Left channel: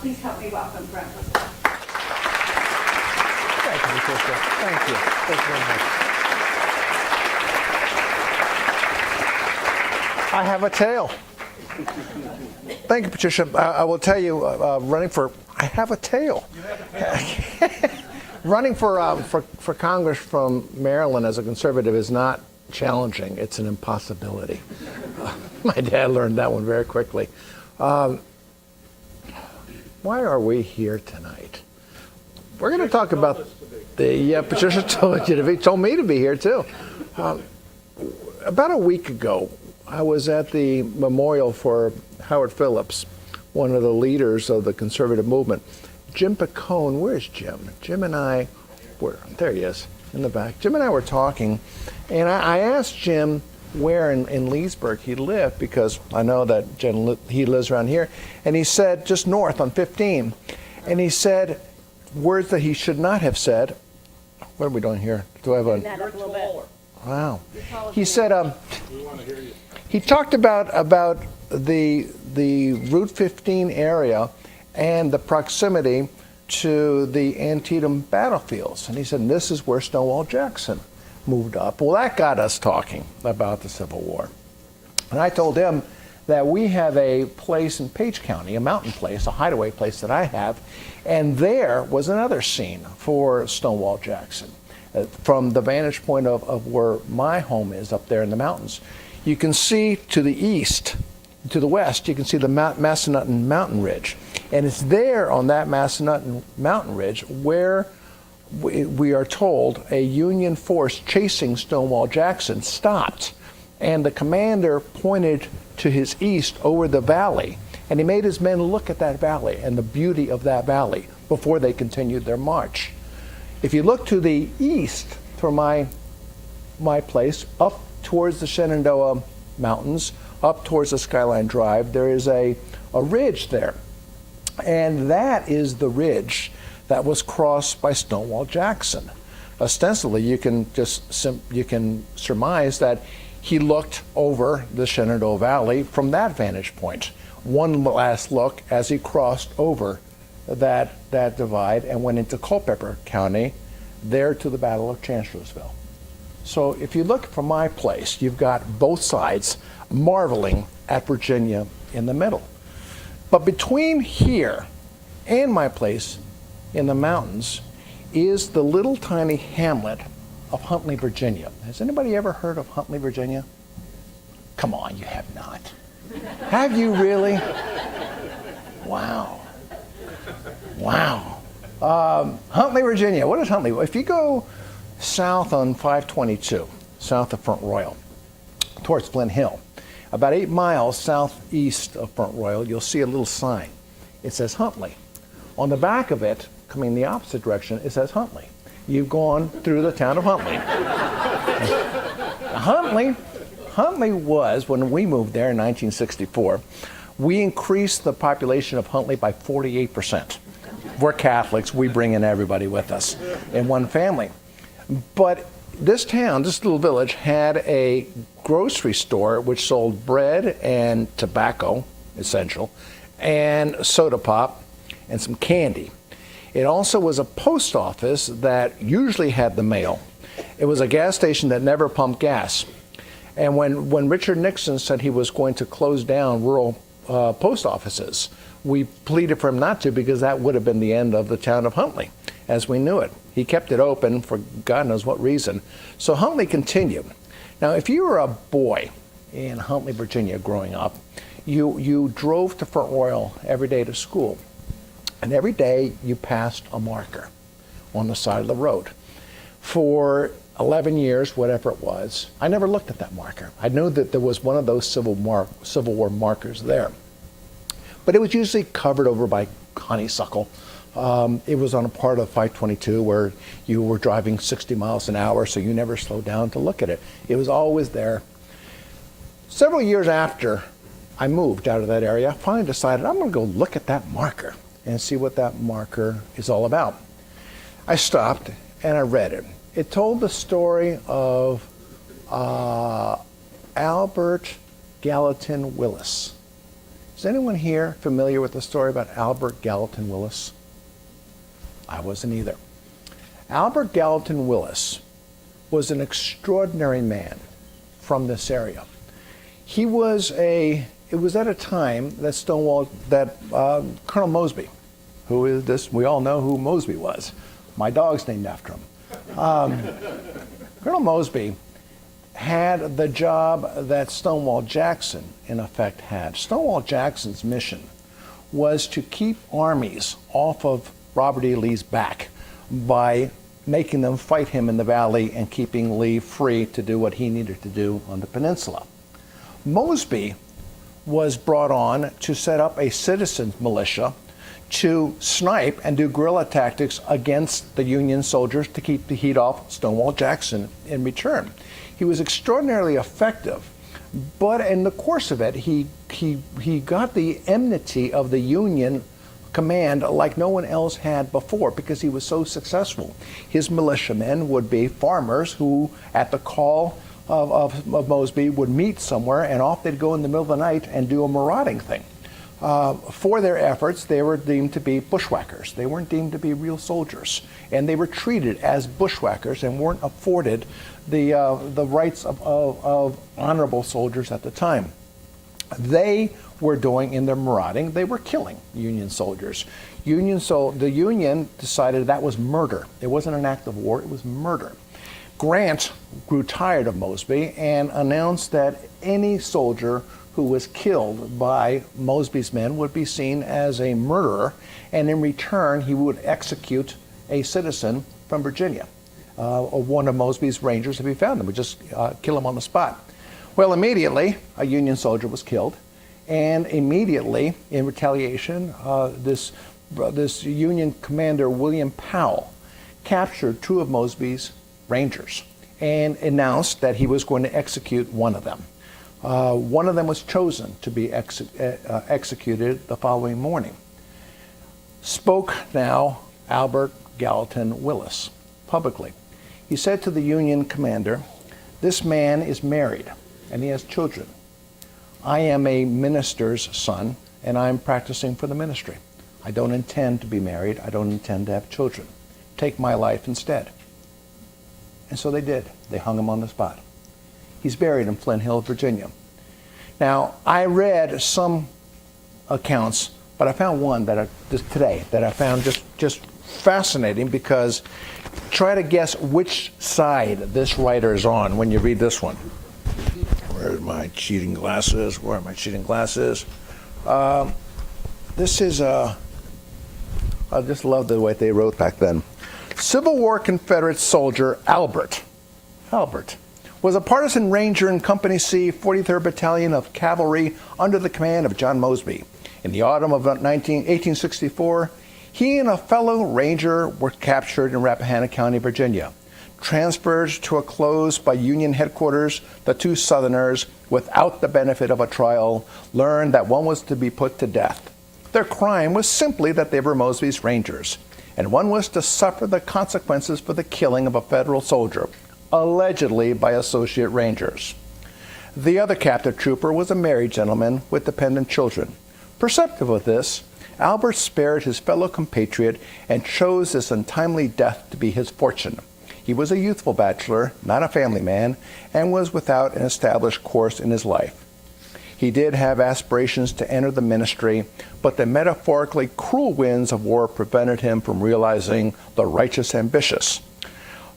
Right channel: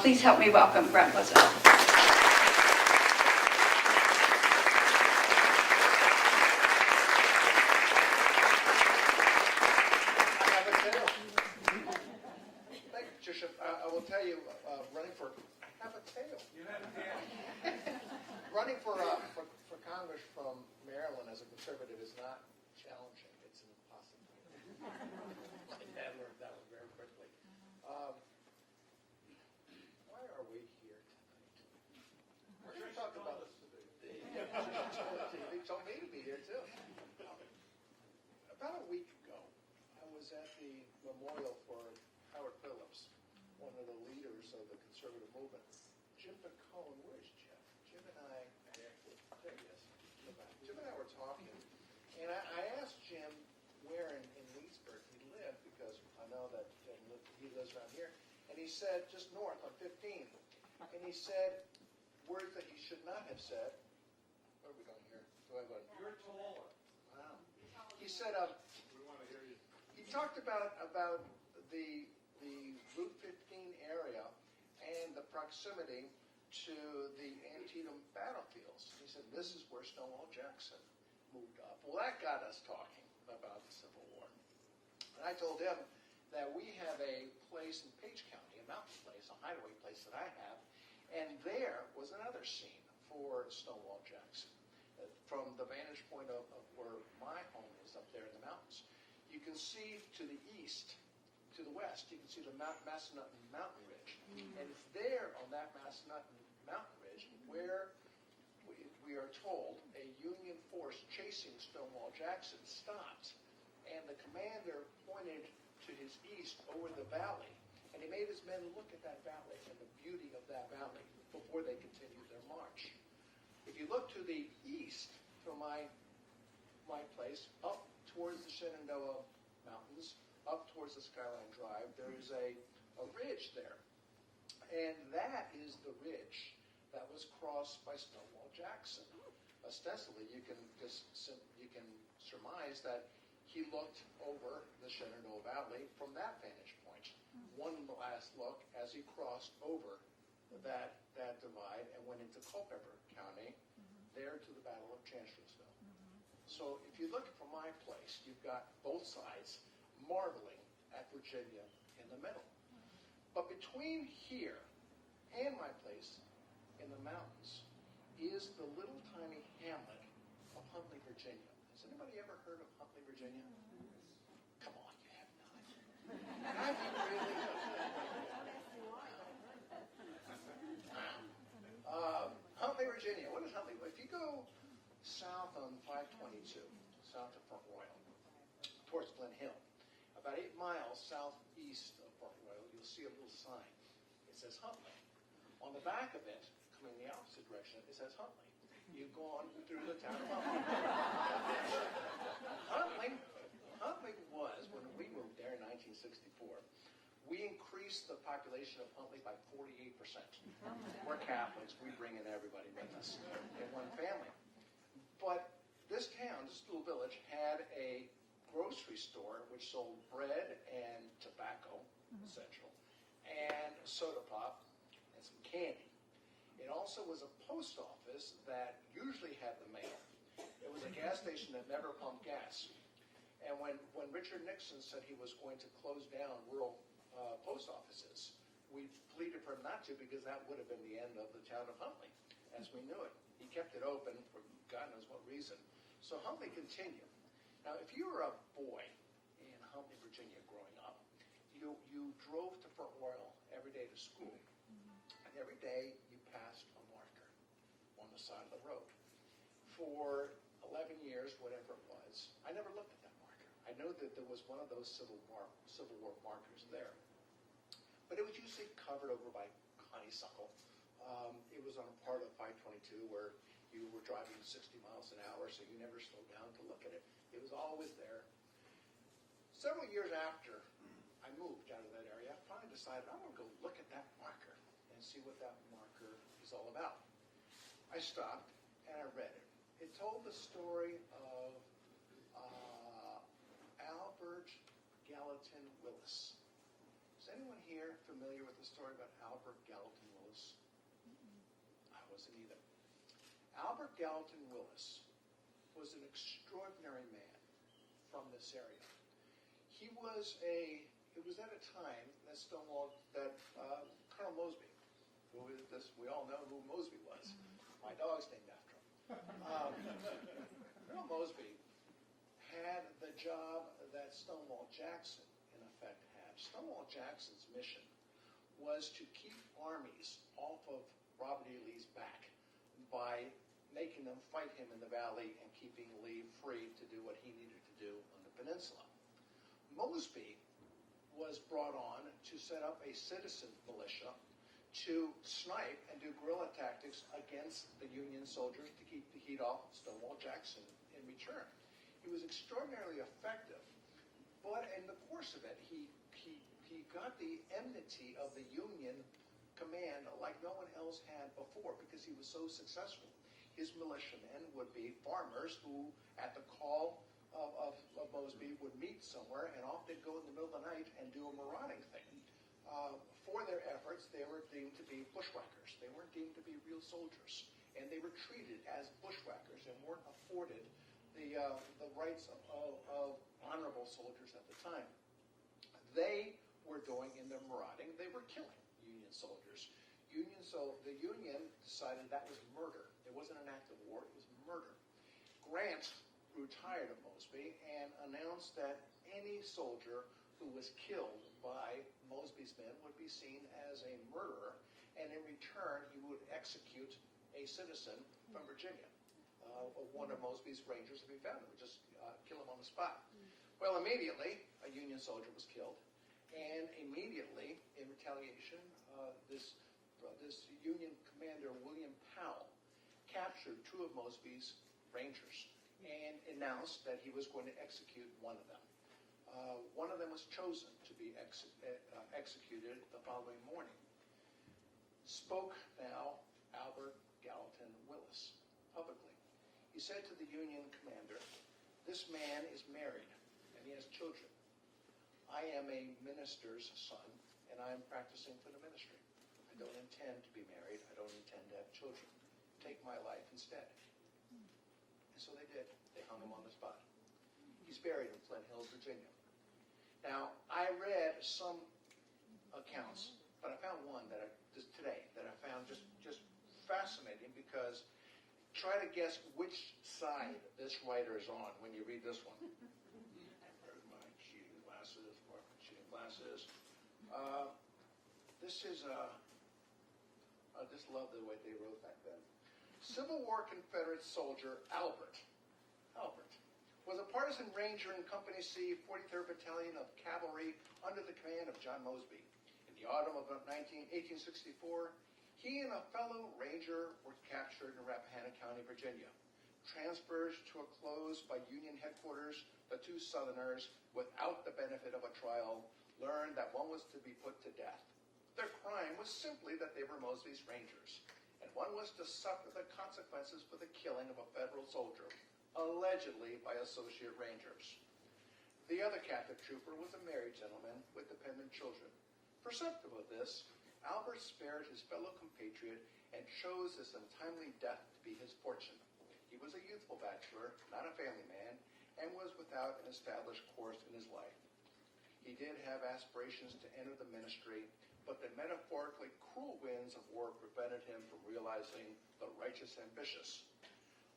Please help me welcome Brent Bozell. Thank you, Patricia. Thank you. Thank you very much. I have a tail. Thank you, Patricia. I will tell you, I have a tail. Running for Congress from Maryland as a conservative is not challenging. It's an impossibility. My dad learned that one very quickly. Why are we here tonight? We're going to talk about Patricia told me to be here too. About a week ago, I was at the memorial for Howard Phillips, one of the leaders of the conservative movement. Jim Picone, where's Jim? Jim and I there he is in the back. Jim and I were talking, and I asked Jim where in Leesburg he lived, because I know that he lives around here, and he said just north on 15, and he said words that he should not have said. What are we doing here? Do I have a? Wow. He said he talked about the Route 15 area and the proximity to the Antietam battlefields, and he said this is where Stonewall Jackson moved up. Well, that got us talking about the Civil War. And I told him that we have a place in Page County, a mountain place, a hideaway place that I have, and there was another scene for Stonewall Jackson. From the vantage point of where my home is up there in the mountains, you can see to the east, to the west, you can see the Massanutten Mountain Ridge. And it's there on that Massanutten Mountain Ridge where we are told a Union force chasing Stonewall Jackson stopped, and the commander pointed to his east over the valley, and he made his men look at that valley and the beauty of that valley before they continued their march. If you look to the east from my place, up towards the Shenandoah Mountains, up towards the Skyline Drive, there is a ridge there, and that is the ridge that was crossed by Stonewall Jackson. Ostensibly, you can surmise that he looked over the Shenandoah Valley from that vantage point. One last look as he crossed over that divide and went into Culpeper County, there to the Battle of Chancellorsville. So if you look from my place, you've got both sides marveling at Virginia in the middle. But between here and my place in the mountains is the little tiny hamlet of Huntley, Virginia. Has anybody ever heard of Huntley, Virginia? Come on, you have not. Have you really? Wow. Wow. Huntley, Virginia. What is Huntley? If you go south on 522, south of Front Royal, towards Flint Hill, about 8 miles southeast of Front Royal, you'll see a little sign. It says Huntley. On the back of it, coming the opposite direction, it says Huntley. You've gone through the town of Huntley. Huntley was, when we moved there in 1964, we increased the population of Huntley by 48%. We're Catholics, we bring in everybody with us in one family. But this town, this little village, had a grocery store which sold bread and tobacco, essential, and soda pop, and some candy. It also was a post office that usually had the mail. It was a gas station that never pumped gas. And when Richard Nixon said he was going to close down rural post offices, we pleaded for him not to, because that would have been the end of the town of Huntley as we knew it. He kept it open for God knows what reason. So Huntley continued. Now, if you were a boy in Huntley, Virginia growing up, you drove to Front Royal every day to school. And every day you passed a marker on the side of the road. For 11 years, whatever it was, I never looked at that marker. I knew that there was one of those Civil War markers there. But it was usually covered over by honeysuckle. It was on a part of 522 where you were driving 60 miles an hour, so you never slowed down to look at it. It was always there. Several years after I moved out of that area, I finally decided I'm going to go look at that marker and see what that marker is all about. I stopped and I read it. It told the story of Albert Gallatin Willis. Is anyone here familiar with the story about Albert Gallatin Willis? I wasn't either. Albert Gallatin Willis was an extraordinary man from this area. It was at a time that Colonel Mosby, who is this, we all know who Mosby was. My dog's named after him. Colonel Mosby had the job that Stonewall Jackson, in effect, had. Stonewall Jackson's mission was to keep armies off of Robert E. Lee's back by making them fight him in the valley and keeping Lee free to do what he needed to do on the peninsula. Mosby was brought on to set up a citizens militia to snipe and do guerrilla tactics against the Union soldiers to keep the heat off Stonewall Jackson in return. He was extraordinarily effective, but in the course of it, he got the enmity of the Union command like no one else had before because he was so successful. His militiamen would be farmers who, at the call of Mosby, would meet somewhere, and off they'd go in the middle of the night and do a marauding thing. For their efforts, they were deemed to be bushwhackers. They weren't deemed to be real soldiers, and they were treated as bushwhackers and weren't afforded the rights of honorable soldiers at the time. They were doing in their marauding, they were killing Union soldiers. The Union decided that was murder. It wasn't an act of war, it was murder. Grant grew tired of Mosby and announced that any soldier who was killed by Mosby's men would be seen as a murderer, and in return he would execute a citizen from Virginia. One of Mosby's rangers, if he found him, would just kill him on the spot. Well, immediately a Union soldier was killed, and immediately in retaliation this Union commander, William Powell, captured two of Mosby's rangers and announced that he was going to execute one of them. One of them was chosen to be executed the following morning. Spoke now Albert Gallatin Willis publicly. He said to the Union commander, "This man is married and he has children. I am a minister's son and I'm practicing for the ministry. I don't intend to be married. I don't intend to have children. Take my life instead." And so they did. They hung him on the spot. He's buried in Flint Hill, Virginia. Now, I read some accounts, but I found one today that I found just fascinating, because try to guess which side this writer is on when you read this one. Where are my cheating glasses? Where are my cheating glasses? This is, I just love the way they wrote back then. Civil War Confederate soldier Albert was a partisan ranger in Company C, 43rd Battalion of Cavalry under the command of John Mosby. In the autumn of 1864, he and a fellow ranger were captured in Rappahannock County, Virginia. Transferred to a close by Union headquarters, the two Southerners, without the benefit of a trial, learned that one was to be put to death. Their crime was simply that they were Mosby's rangers, and one was to suffer the consequences for the killing of a federal soldier, allegedly by associate rangers. The other captive trooper was a married gentleman with dependent children. Perceptive of this, Albert spared his fellow compatriot and chose this untimely death to be his fortune. He was a youthful bachelor, not a family man, and was without an established course in his life. He did have aspirations to enter the ministry, but the metaphorically cruel winds of war prevented him from realizing the righteous ambitious.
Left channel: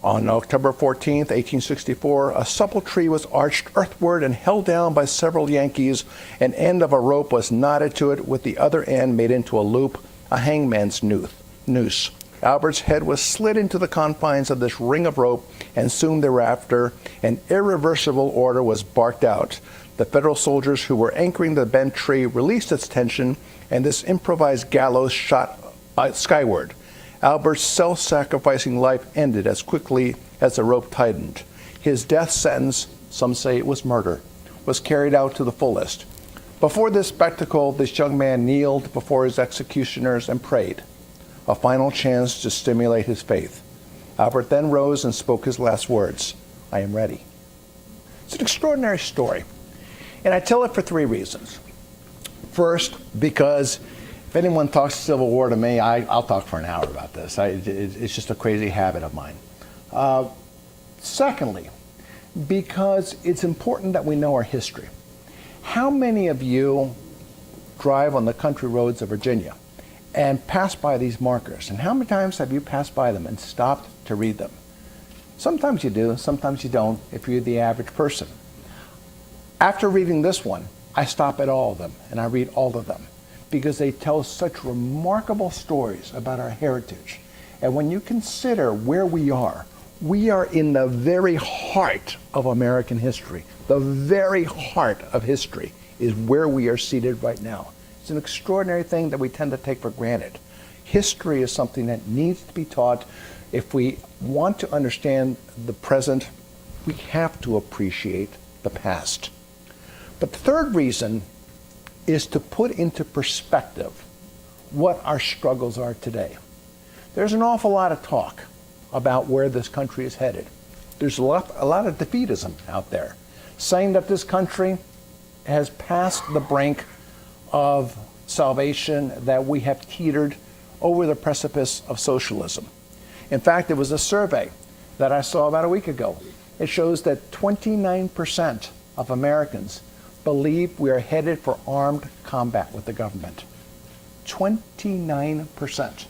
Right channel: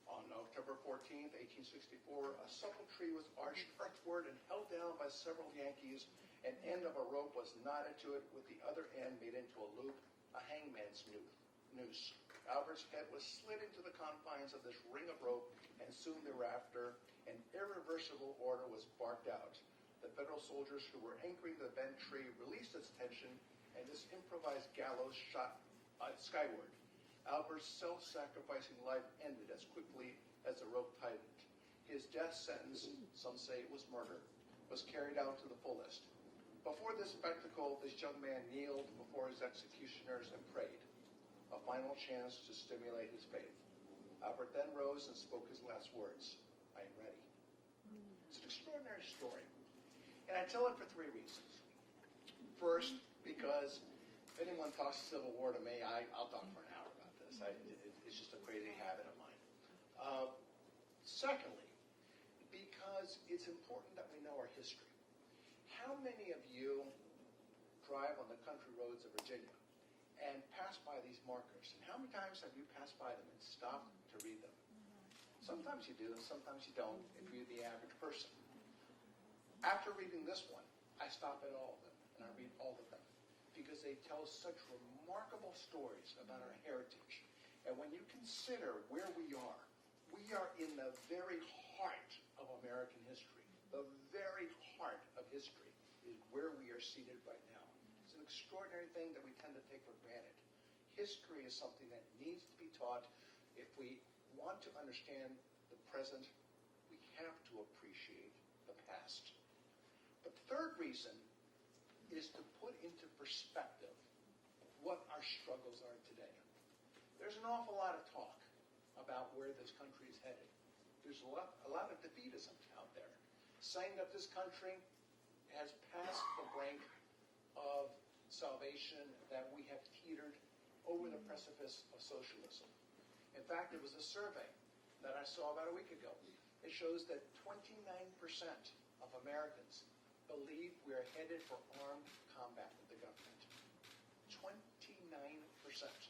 On October 14, 1864, a supple tree was arched earthward and held down by several Yankees. An end of a rope was knotted to it, with the other end made into a loop, a hangman's noose. Albert's head was slid into the confines of this ring of rope, and soon thereafter an irreversible order was barked out. The Federal soldiers who were anchoring the bent tree released its tension, and this improvised gallows shot skyward. Albert's self-sacrificing life ended as quickly as the rope tightened. His death sentence, some say it was murder, was carried out to the fullest. Before this spectacle, this young man kneeled before his executioners and prayed, a final chance to stimulate his faith. Albert then rose and spoke his last words, "I am ready." It's an extraordinary story, and I tell it for three reasons. First, because if anyone talks Civil War to me, I'll talk for an hour about this. It's just a crazy habit of mine. Secondly, because it's important that we know our history. How many of you drive on the country roads of Virginia and pass by these markers? And how many times have you passed by them and stopped to read them? Sometimes you do, sometimes you don't, if you're the average person. After reading this one, I stop at all of them and I read all of them because they tell such remarkable stories about our heritage. And when you consider where we are in the very heart of American history. The very heart of history is where we are seated right now. It's an extraordinary thing that we tend to take for granted. History is something that needs to be taught. If we want to understand the present, we have to appreciate the past. But the third reason is to put into perspective what our struggles are today. There's an awful lot of talk about where this country is headed. There's a lot of defeatism out there, saying that this country has passed the brink of salvation, that we have teetered over the precipice of socialism. In fact, there was a survey that I saw about a week ago. It shows that 29% of Americans believe we are headed for armed combat with the government. 29%.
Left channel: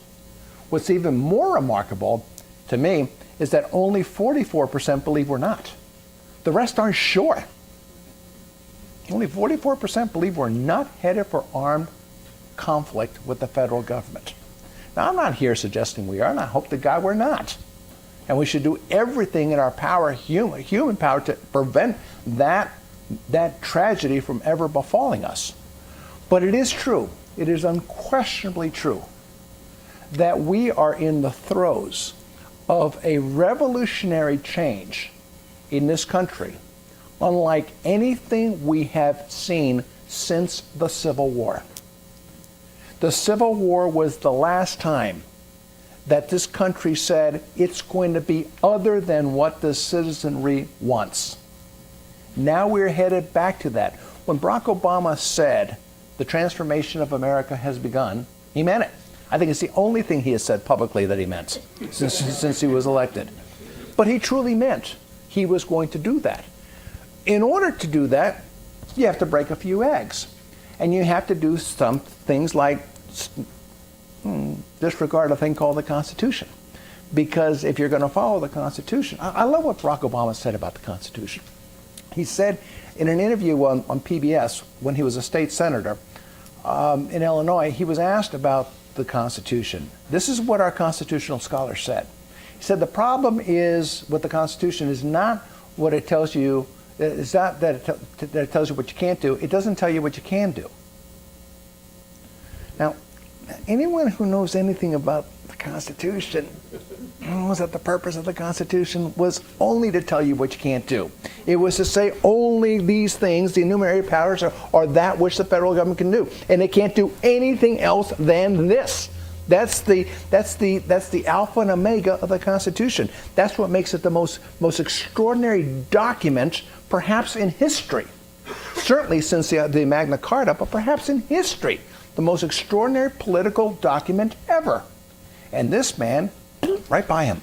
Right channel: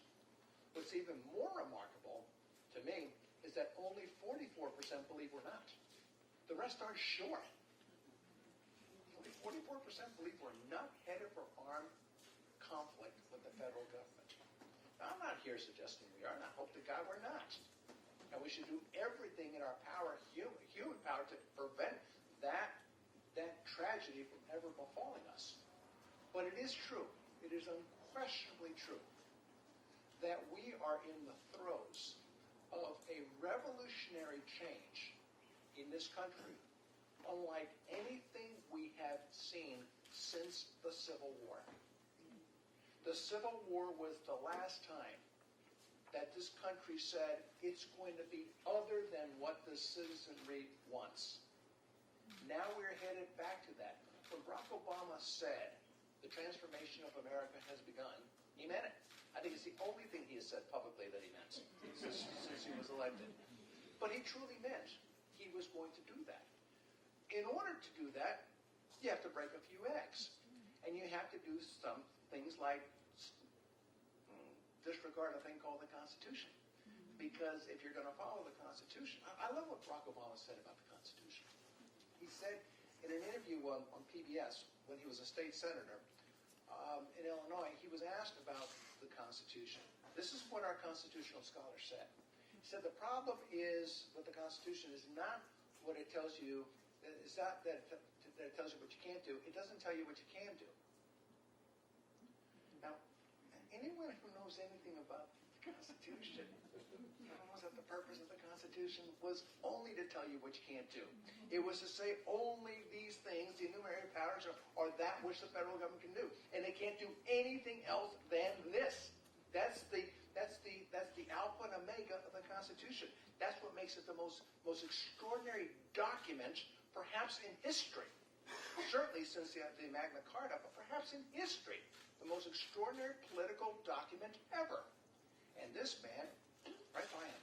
What's even more remarkable to me is that only 44% believe we're not. The rest aren't sure. Only 44% believe we're not headed for armed conflict with the federal government. Now, I'm not here suggesting we are, and I hope to God we're not. And we should do everything in our power, human power, to prevent that tragedy from ever befalling us. But it is true, it is unquestionably true, that we are in the throes of a revolutionary change in this country, unlike anything we have seen since the Civil War. The Civil War was the last time that this country said it's going to be other than what the citizenry wants. Now we're headed back to that. When Barack Obama said the transformation of America has begun, he meant it. I think it's the only thing he has said publicly that he meant since he was elected. But he truly meant he was going to do that. In order to do that, you have to break a few eggs. And you have to do some things like disregard a thing called the Constitution. Because if you're going to follow the Constitution, I love what Barack Obama said about the Constitution. He said in an interview on PBS when he was a state senator in Illinois, he was asked about the Constitution. This is what our constitutional scholar said. He said the problem is with the Constitution is not what it tells you, it's not that it tells you what you can't do, it doesn't tell you what you can do. Now, anyone who knows anything about the Constitution knows that the purpose of the Constitution was only to tell you what you can't do. It was to say only these things, the enumerated powers, are that which the federal government can do, and it can't do anything else than this. That's the alpha and omega of the Constitution. That's what makes it the most extraordinary document, perhaps in history. Certainly since the Magna Carta, but perhaps in history, the most extraordinary political document ever. And this man, right by him.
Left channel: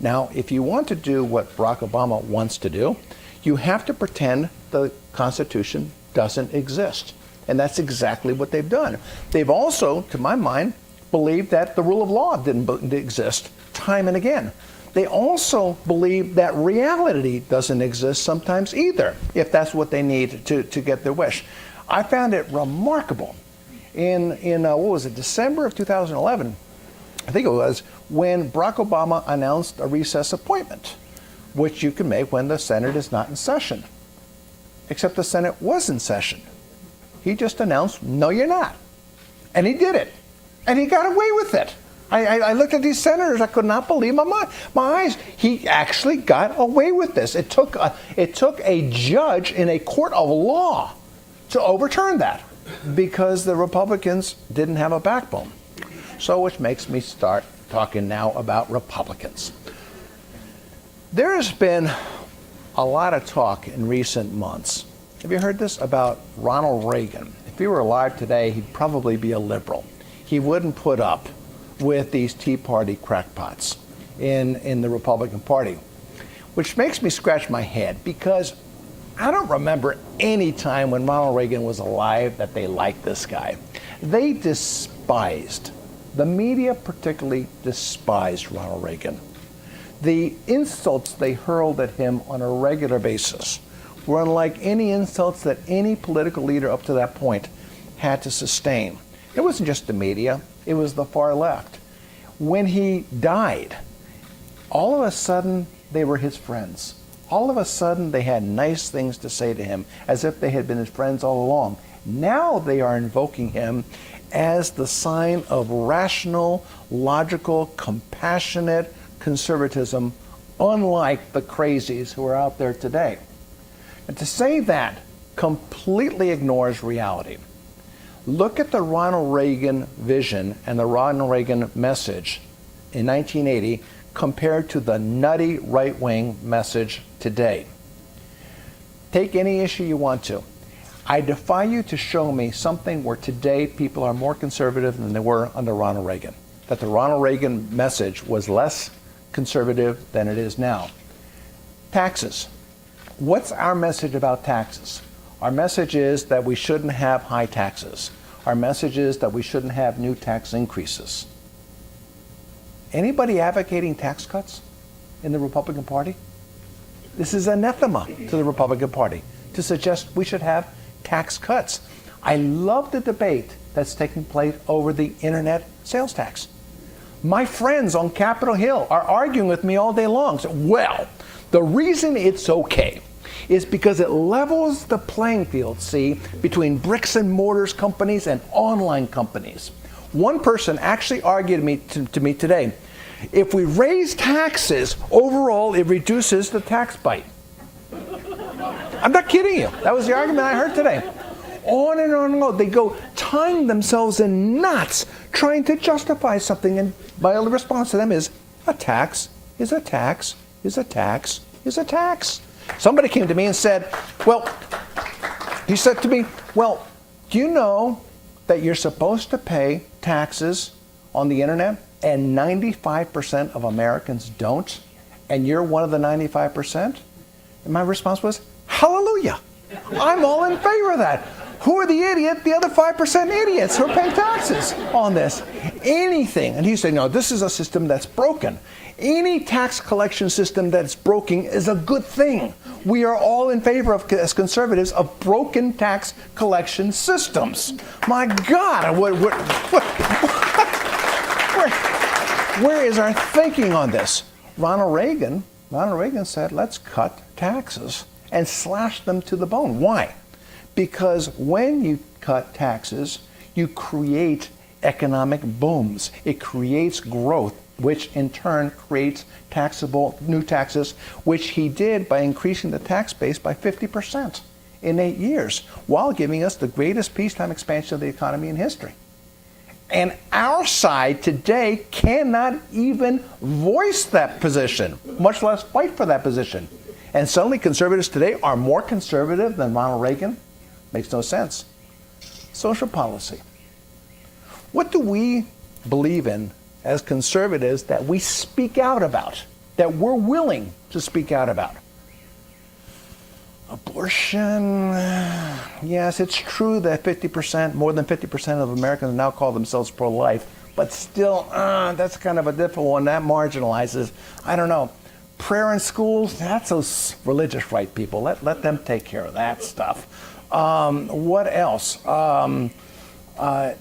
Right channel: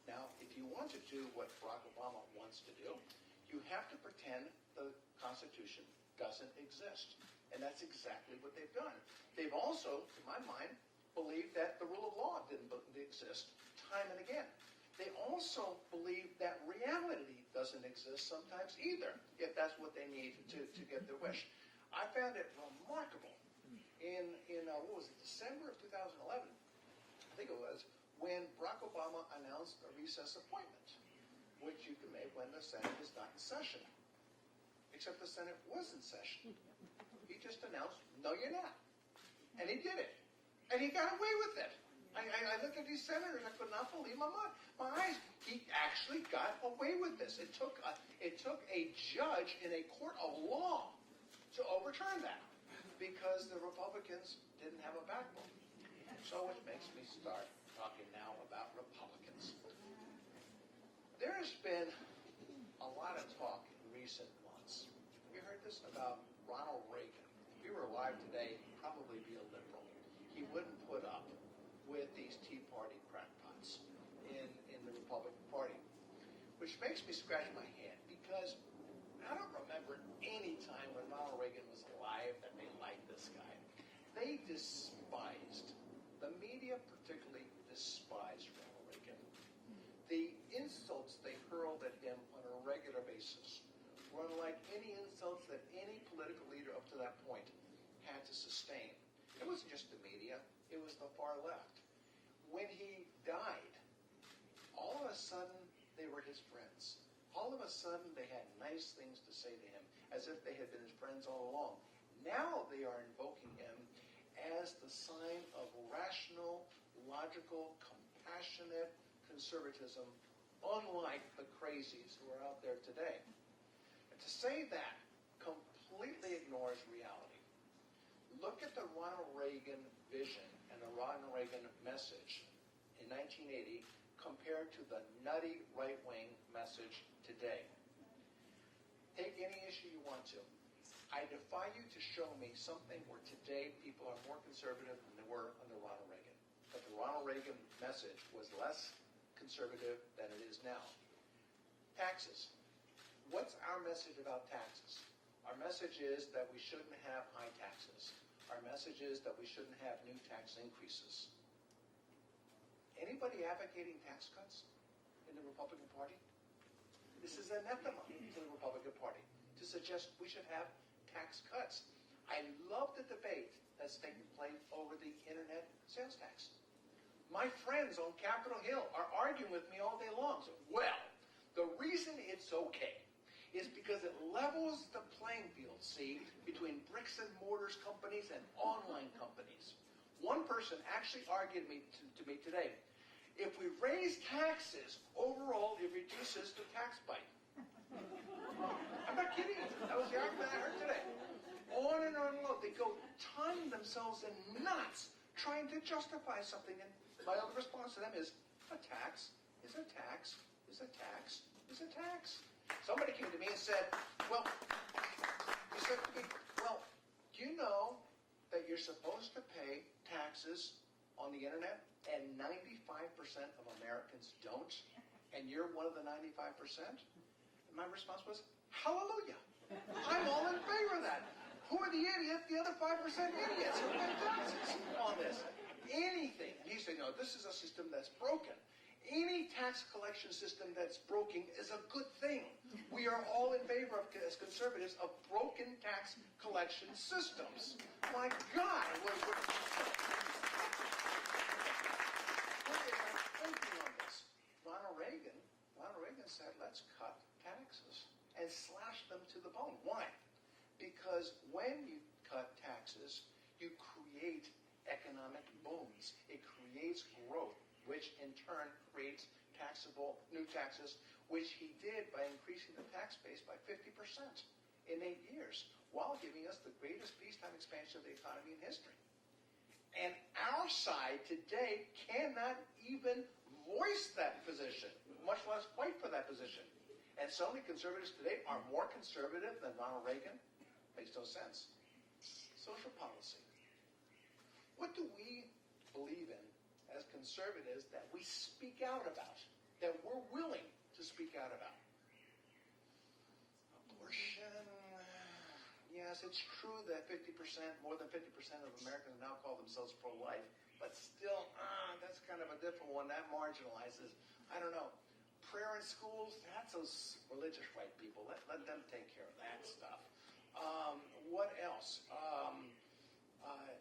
Now, if you want to do what Barack Obama wants to do, you have to pretend the Constitution doesn't exist. And that's exactly what they've done. They've also, to my mind, believed that the rule of law didn't exist time and again. They also believe that reality doesn't exist sometimes either, if that's what they need to get their wish. I found it remarkable in what was it, December of 2011, I think it was, when Barack Obama announced a recess appointment, which you can make when the Senate is not in session. Except the Senate was in session. He just announced, no, you're not. And he did it. And he got away with it. I looked at these senators, I could not believe my eyes. He actually got away with this. It took a judge in a court of law to overturn that because the Republicans didn't have a backbone. So which makes me start talking now about Republicans. There has been a lot of talk in recent months. Have you heard this about Ronald Reagan? if he were alive today, he'd probably be a liberal. He wouldn't put up with these Tea Party crackpots in the Republican Party, which makes me scratch my head because I don't remember any time when Ronald Reagan was alive that they liked this guy. They despised, the media particularly despised Ronald Reagan. The insults they hurled at him on a regular basis were unlike any insults that any political leader up to that point had to sustain. It wasn't just the media, it was the far left. When he died, all of a sudden they were his friends. All of a sudden they had nice things to say to him, as if they had been his friends all along. Now they are invoking him as the sign of rational, logical, compassionate conservatism, unlike the crazies who are out there today. And to say that completely ignores reality. Look at the Ronald Reagan vision and the Ronald Reagan message in 1980 compared to the nutty right-wing message today. Take any issue you want to. I defy you to show me something where today people are more conservative than they were under Ronald Reagan. That the Ronald Reagan message was less conservative than it is now. Taxes. What's our message about taxes? Our message is that we shouldn't have high taxes. Our message is that we shouldn't have new tax increases. Anybody advocating tax cuts in the Republican Party? This is anathema to the Republican Party to suggest we should have tax cuts. I love the debate that's taking place over the internet sales tax. My friends on Capitol Hill are arguing with me all day long. So, well, the reason it's okay is because it levels the playing field, see, between bricks and mortars companies and online companies. One person actually argued to me today, if we raise taxes, overall it reduces the tax bite. I'm not kidding you. That was the argument I heard today. On and on and on. They go tying themselves in knots trying to justify something, and my only response to them is, a tax is a tax is a tax is a tax. Somebody came to me and said, he said to me, well, do you know that you're supposed to pay taxes on the internet and 95% of Americans don't, and you're one of the 95%? And my response was, hallelujah. I'm all in favor of that. Who are the idiot? The other 5% idiots who are paying taxes on this. Anything. And he said, no, this is a system that's broken. Any tax collection system that's broken is a good thing. We are all in favor of, as conservatives, of broken tax collection systems. My God, where is our thinking on this? Ronald Reagan said, let's cut taxes and slash them to the bone. Why? Because when you cut taxes, you create economic booms. It creates growth, which in turn creates taxable new taxes, which he did by increasing the tax base by 50% in 8 years, while giving us the greatest peacetime expansion of the economy in history. And our side today cannot even voice that position, much less fight for that position. And suddenly conservatives today are more conservative than Ronald Reagan? Makes no sense. Social policy. What do we believe in as conservatives that we speak out about, that we're willing to speak out about? Abortion. Yes, it's true that more than 50% of Americans now call themselves pro-life, but still, that's kind of a difficult one. That marginalizes, I don't know. Prayer in schools, that's those religious right people. Let them take care of that stuff. What else? The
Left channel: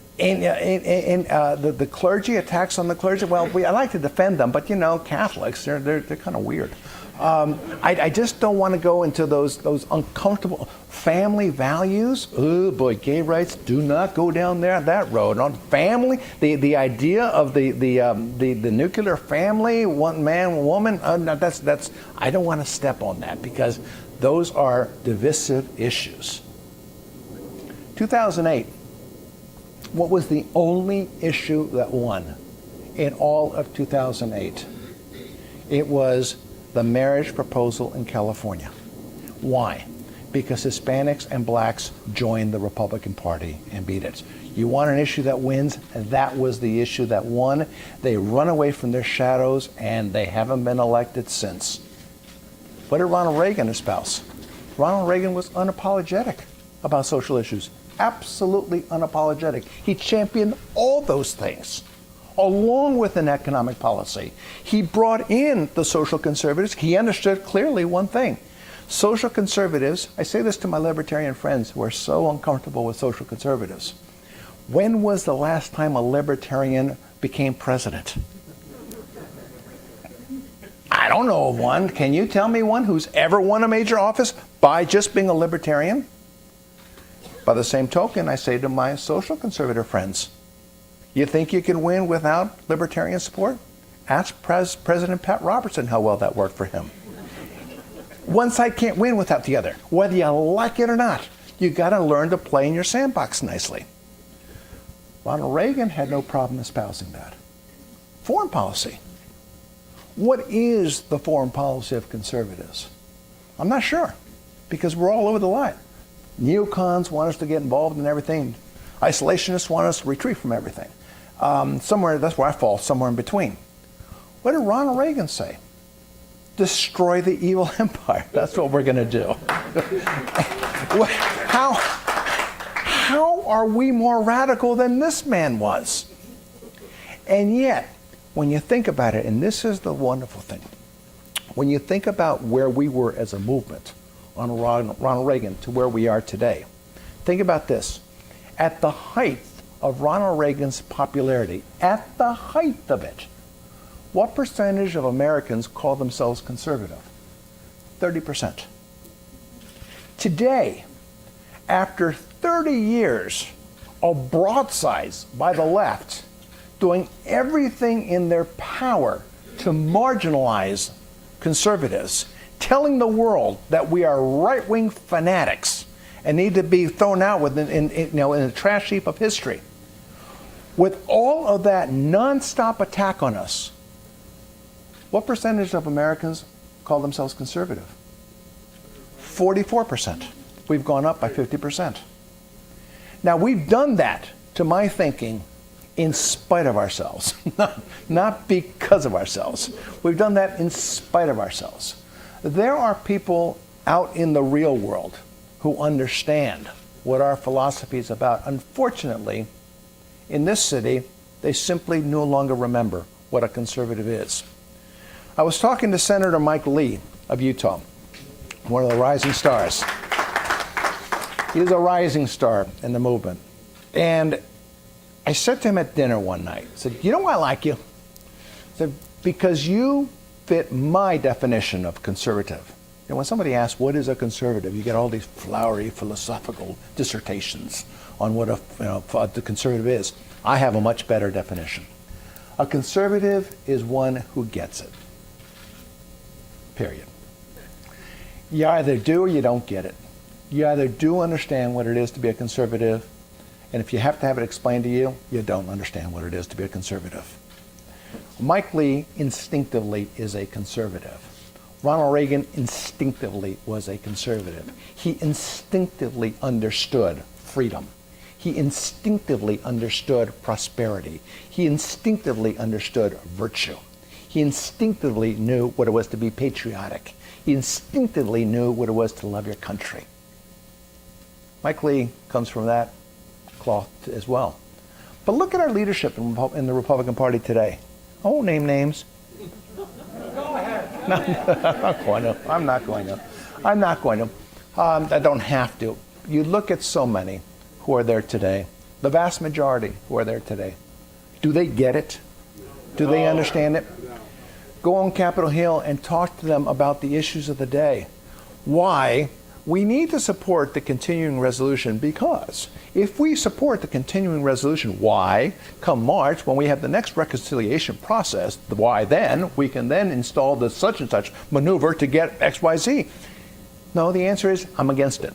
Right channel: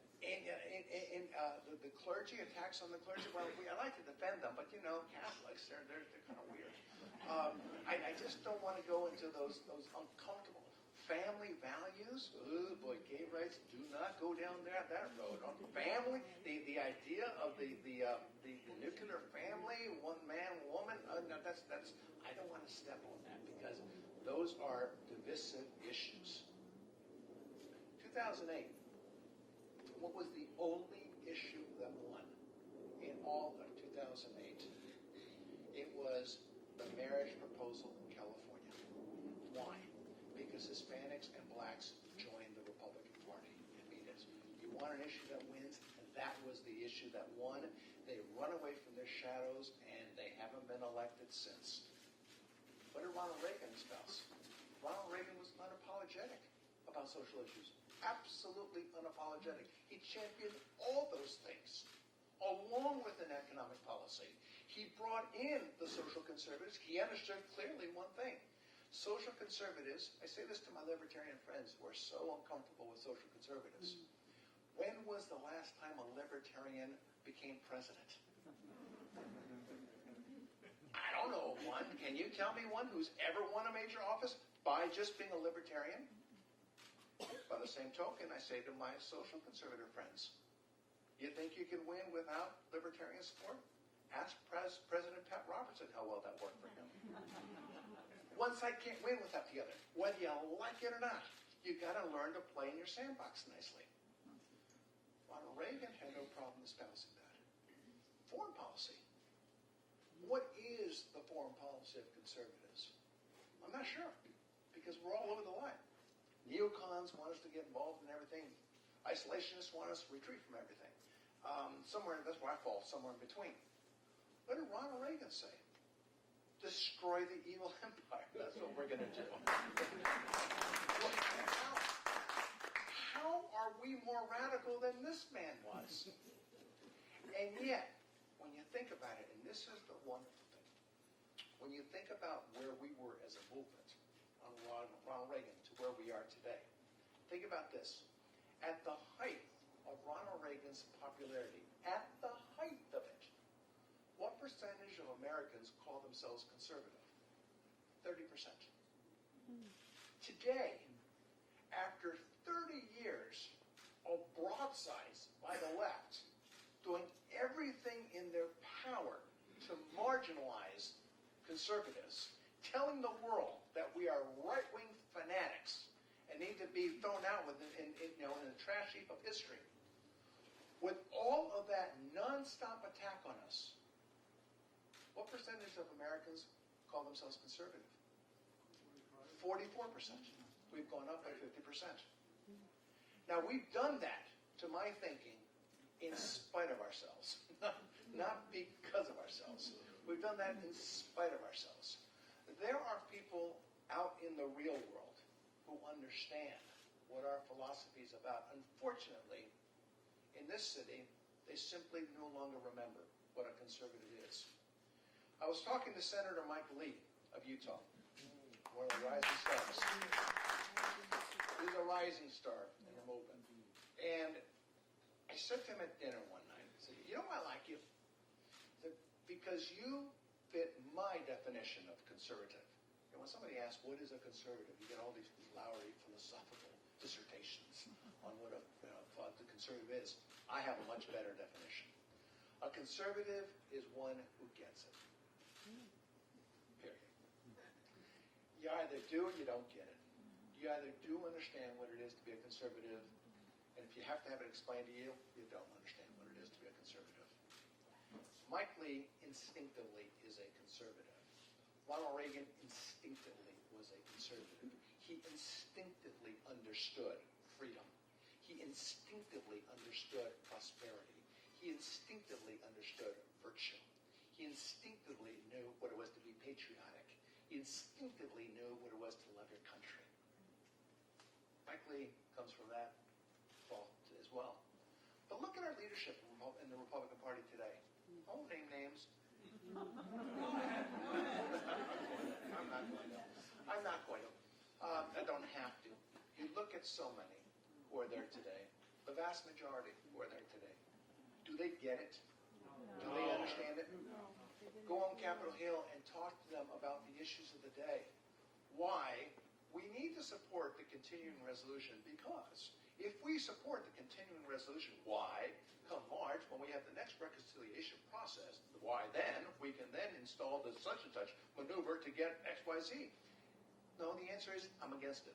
clergy, attacks on the clergy. Well, I like to defend them, but you know, Catholics, they're kind of weird. I just don't want to go into those uncomfortable family values. Oh boy, gay rights, do not go down that road. On family, the idea of the nuclear family, one man, one woman. No, that's I don't want to step on that because those are divisive issues. 2008. What was the only issue that won in all of 2008? It was the marriage proposal in California. Why? because Hispanics and blacks joined the Republican Party and beat it. You want an issue that wins, and that was the issue that won. They run away from their shadows, and they haven't been elected since. What did Ronald Reagan espouse? Ronald Reagan was unapologetic about social issues, absolutely unapologetic. He championed all those things, along with an economic policy. He brought in the social conservatives. He understood clearly one thing. Social conservatives, I say this to my libertarian friends who are so uncomfortable with social conservatives. When was the last time a libertarian became president? I don't know of one. Can you tell me one who's ever won a major office by just being a libertarian? By the same token, I say to my social conservative friends, you think you can win without libertarian support? Ask President Pat Robertson how well that worked for him. One side can't win without the other, whether you like it or not. You got to learn to play in your sandbox nicely. Ronald Reagan had no problem espousing that. Foreign policy. What is the foreign policy of conservatives? I'm not sure, because we're all over the line. Neocons want us to get involved in everything. Isolationists want us to retreat from everything. Somewhere, that's where I fall, somewhere in between. What did Ronald Reagan say? Destroy the evil empire. That's what we're going to do. How are we more radical than this man was? And yet, when you think about it, and this is the wonderful thing, when you think about where we were as a movement on Ronald Reagan to where we are today, think about this. At the height of Ronald Reagan's popularity, at the height of it, what percentage of Americans call themselves conservative? 30%. Today, after 30 years of broadsides by the left, doing everything in their power to marginalize conservatives, telling the world that we are right-wing fanatics and need to be thrown out in the trash heap of history. With all of that nonstop attack on us, what percentage of Americans call themselves conservative? 44%. We've gone up by 50%. Now, we've done that, to my thinking, in spite of ourselves, not because of ourselves. We've done that in spite of ourselves. There are people out in the real world who understand what our philosophy is about. Unfortunately, in this city, they simply no longer remember what a conservative is. I was talking to Senator Mike Lee of Utah, one of the rising stars. He's a rising star in the movement. And I said to him at dinner one night, I said, you know why I like you? I said, because you fit my definition of conservative. You know, when somebody asks, what is a conservative? You get all these flowery philosophical dissertations on what the conservative is. I have a much better definition. A conservative is one who gets it. Period. You either do or you don't get it. You either do understand what it is to be a conservative, and if you have to have it explained to you, you don't understand what it is to be a conservative. Mike Lee instinctively is a conservative. Ronald Reagan instinctively was a conservative. He instinctively understood freedom. He instinctively understood prosperity. He instinctively understood virtue. He instinctively knew what it was to be patriotic. He instinctively knew what it was to love your country. Mike Lee comes from that cloth as well. But look at our leadership in the Republican Party today. I won't name names. Go ahead. No, I'm not going to. I don't have to. You look at so many who are there today, the vast majority who are there today. Do they get it? Do they understand it? Go on Capitol Hill and talk to them about the issues of the day. Why we need to support the continuing resolution, because if we support the continuing resolution, why, come March, when we have the next reconciliation process, why then, we can then install the such and such maneuver to get X, Y, Z. No, the answer is, I'm against it.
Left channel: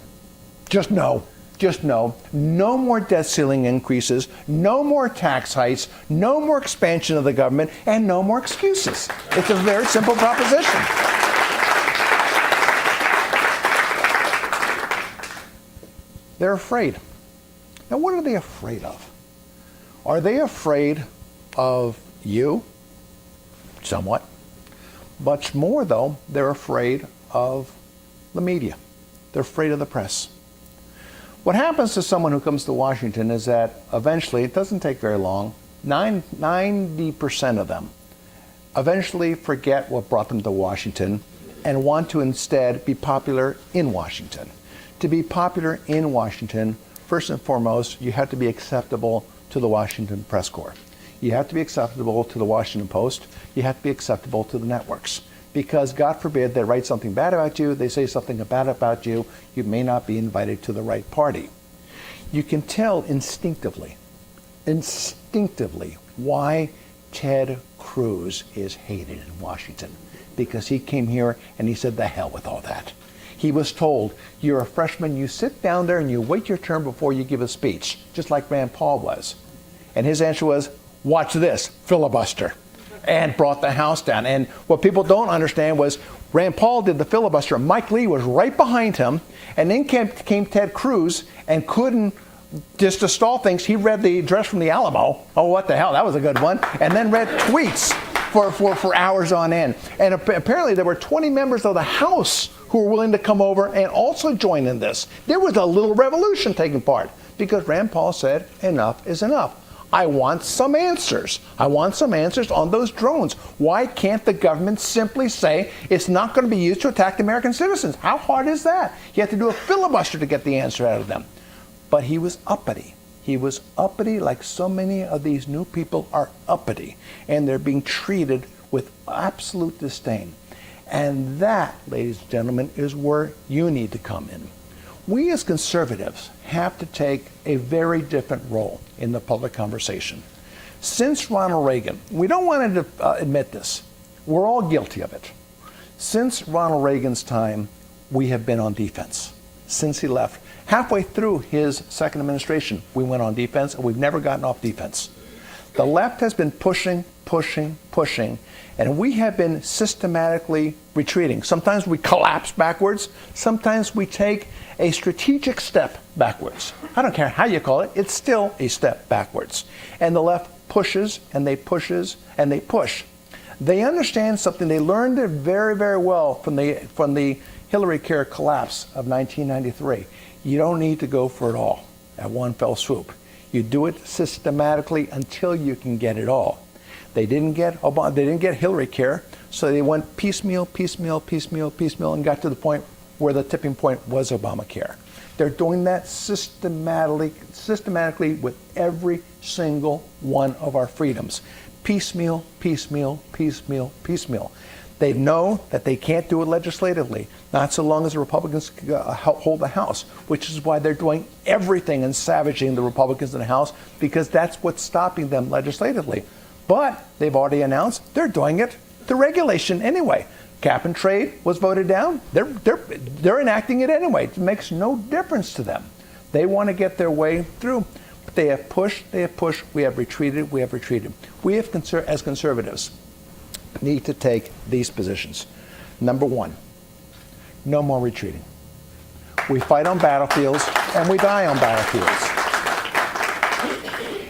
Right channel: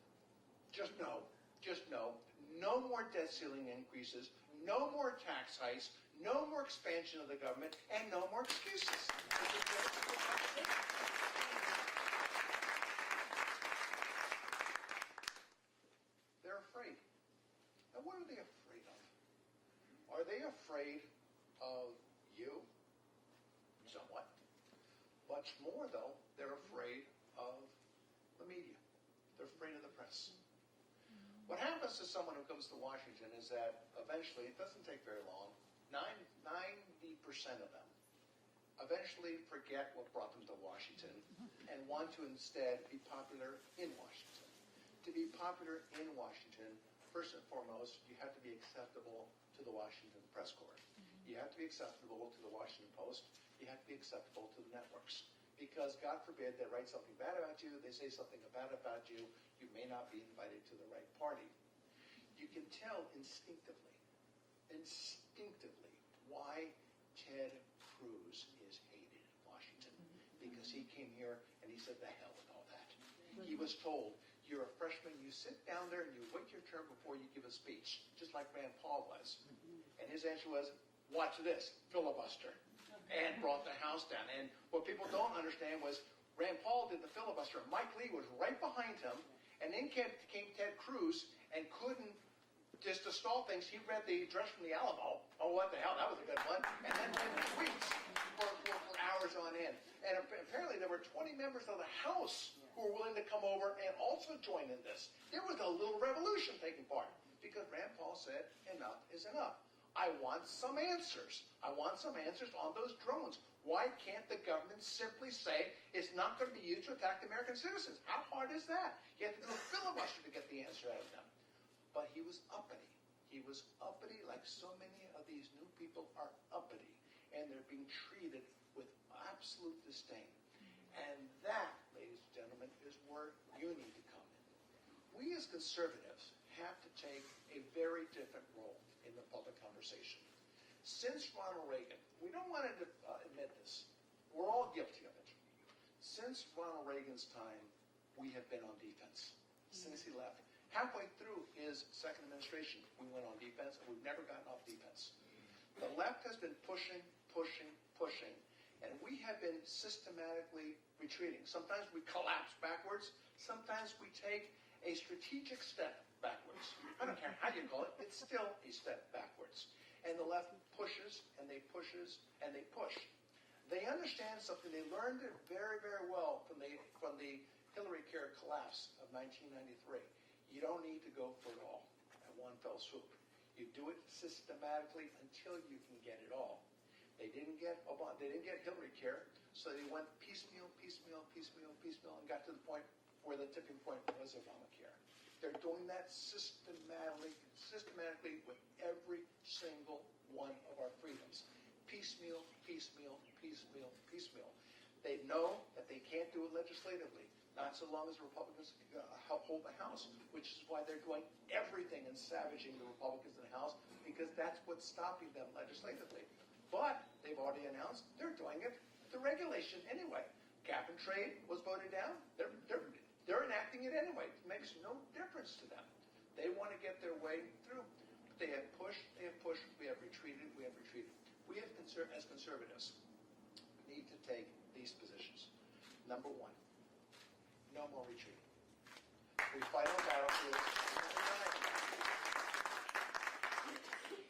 Just no. Just no. No more debt ceiling increases, no more tax hikes, no more expansion of the government, and no more excuses. It's a very simple proposition. They're afraid. Now, what are they afraid of? Are they afraid of you? Somewhat. Much more, though, they're afraid of the media. They're afraid of the press. What happens to someone who comes to Washington is that eventually, it doesn't take very long, 90% of them eventually forget what brought them to Washington and want to instead be popular in Washington. To be popular in Washington, first and foremost, you have to be acceptable to the Washington press corps. You have to be acceptable to the Washington Post. You have to be acceptable to the networks. Because God forbid they write something bad about you, they say something bad about you, you may not be invited to the right party. You can tell instinctively why Ted Cruz is hated in Washington. Because he came here and he said, the hell with all that. He was told, you're a freshman, you sit down there and you wait your turn before you give a speech, just like Rand Paul was. And his answer was, watch this, filibuster. And brought the House down. And what people don't understand was Rand Paul did the filibuster. Mike Lee was right behind him. And then came Ted Cruz and couldn't, just to stall things, he read the address from the Alamo. Oh, what the hell, that was a good one. And then read tweets for hours on end. And apparently there were 20 members of the House who were willing to come over and also join in this. There was a little revolution taking part because Rand Paul said, enough is enough. I want some answers. I want some answers on those drones. Why can't the government simply say it's not going to be used to attack American citizens? How hard is that? You have to do a filibuster to get the answer out of them. But he was uppity. He was uppity like so many of these new people are uppity. And they're being treated with absolute disdain. And that, ladies and gentlemen, is where you need to come in. We as conservatives have to take a very different role in the public conversation. Since Ronald Reagan, we don't want to admit this, we're all guilty of it. Since Ronald Reagan's time, we have been on defense. Since he left, halfway through his second administration, we went on defense and we've never gotten off defense. The left has been pushing, and we have been systematically retreating. Sometimes we collapse backwards, sometimes we take a strategic step backwards. I don't care how you call it, it's still a step backwards. And the left pushes and they pushes and they push. They understand something. They learned it very, very well from the Hillary Care collapse of 1993. You don't need to go for it all at one fell swoop. You do it systematically until you can get it all. They didn't get Hillary Care, so they went piecemeal, and got to the point where the tipping point was Obamacare. They're doing that systematically with every single one of our freedoms. Piecemeal. They know that they can't do it legislatively, not so long as the Republicans hold the House, which is why they're doing everything and savaging the Republicans in the House, because that's what's stopping them legislatively. But they've already announced they're doing it through regulation anyway. Cap and trade was voted down. They're enacting it anyway. It makes no difference to them. They want to get their way through. But they have pushed. We have retreated. We have, as conservatives, need to take these positions. Number one, no more retreating. We fight on battlefields and we die on battlefields.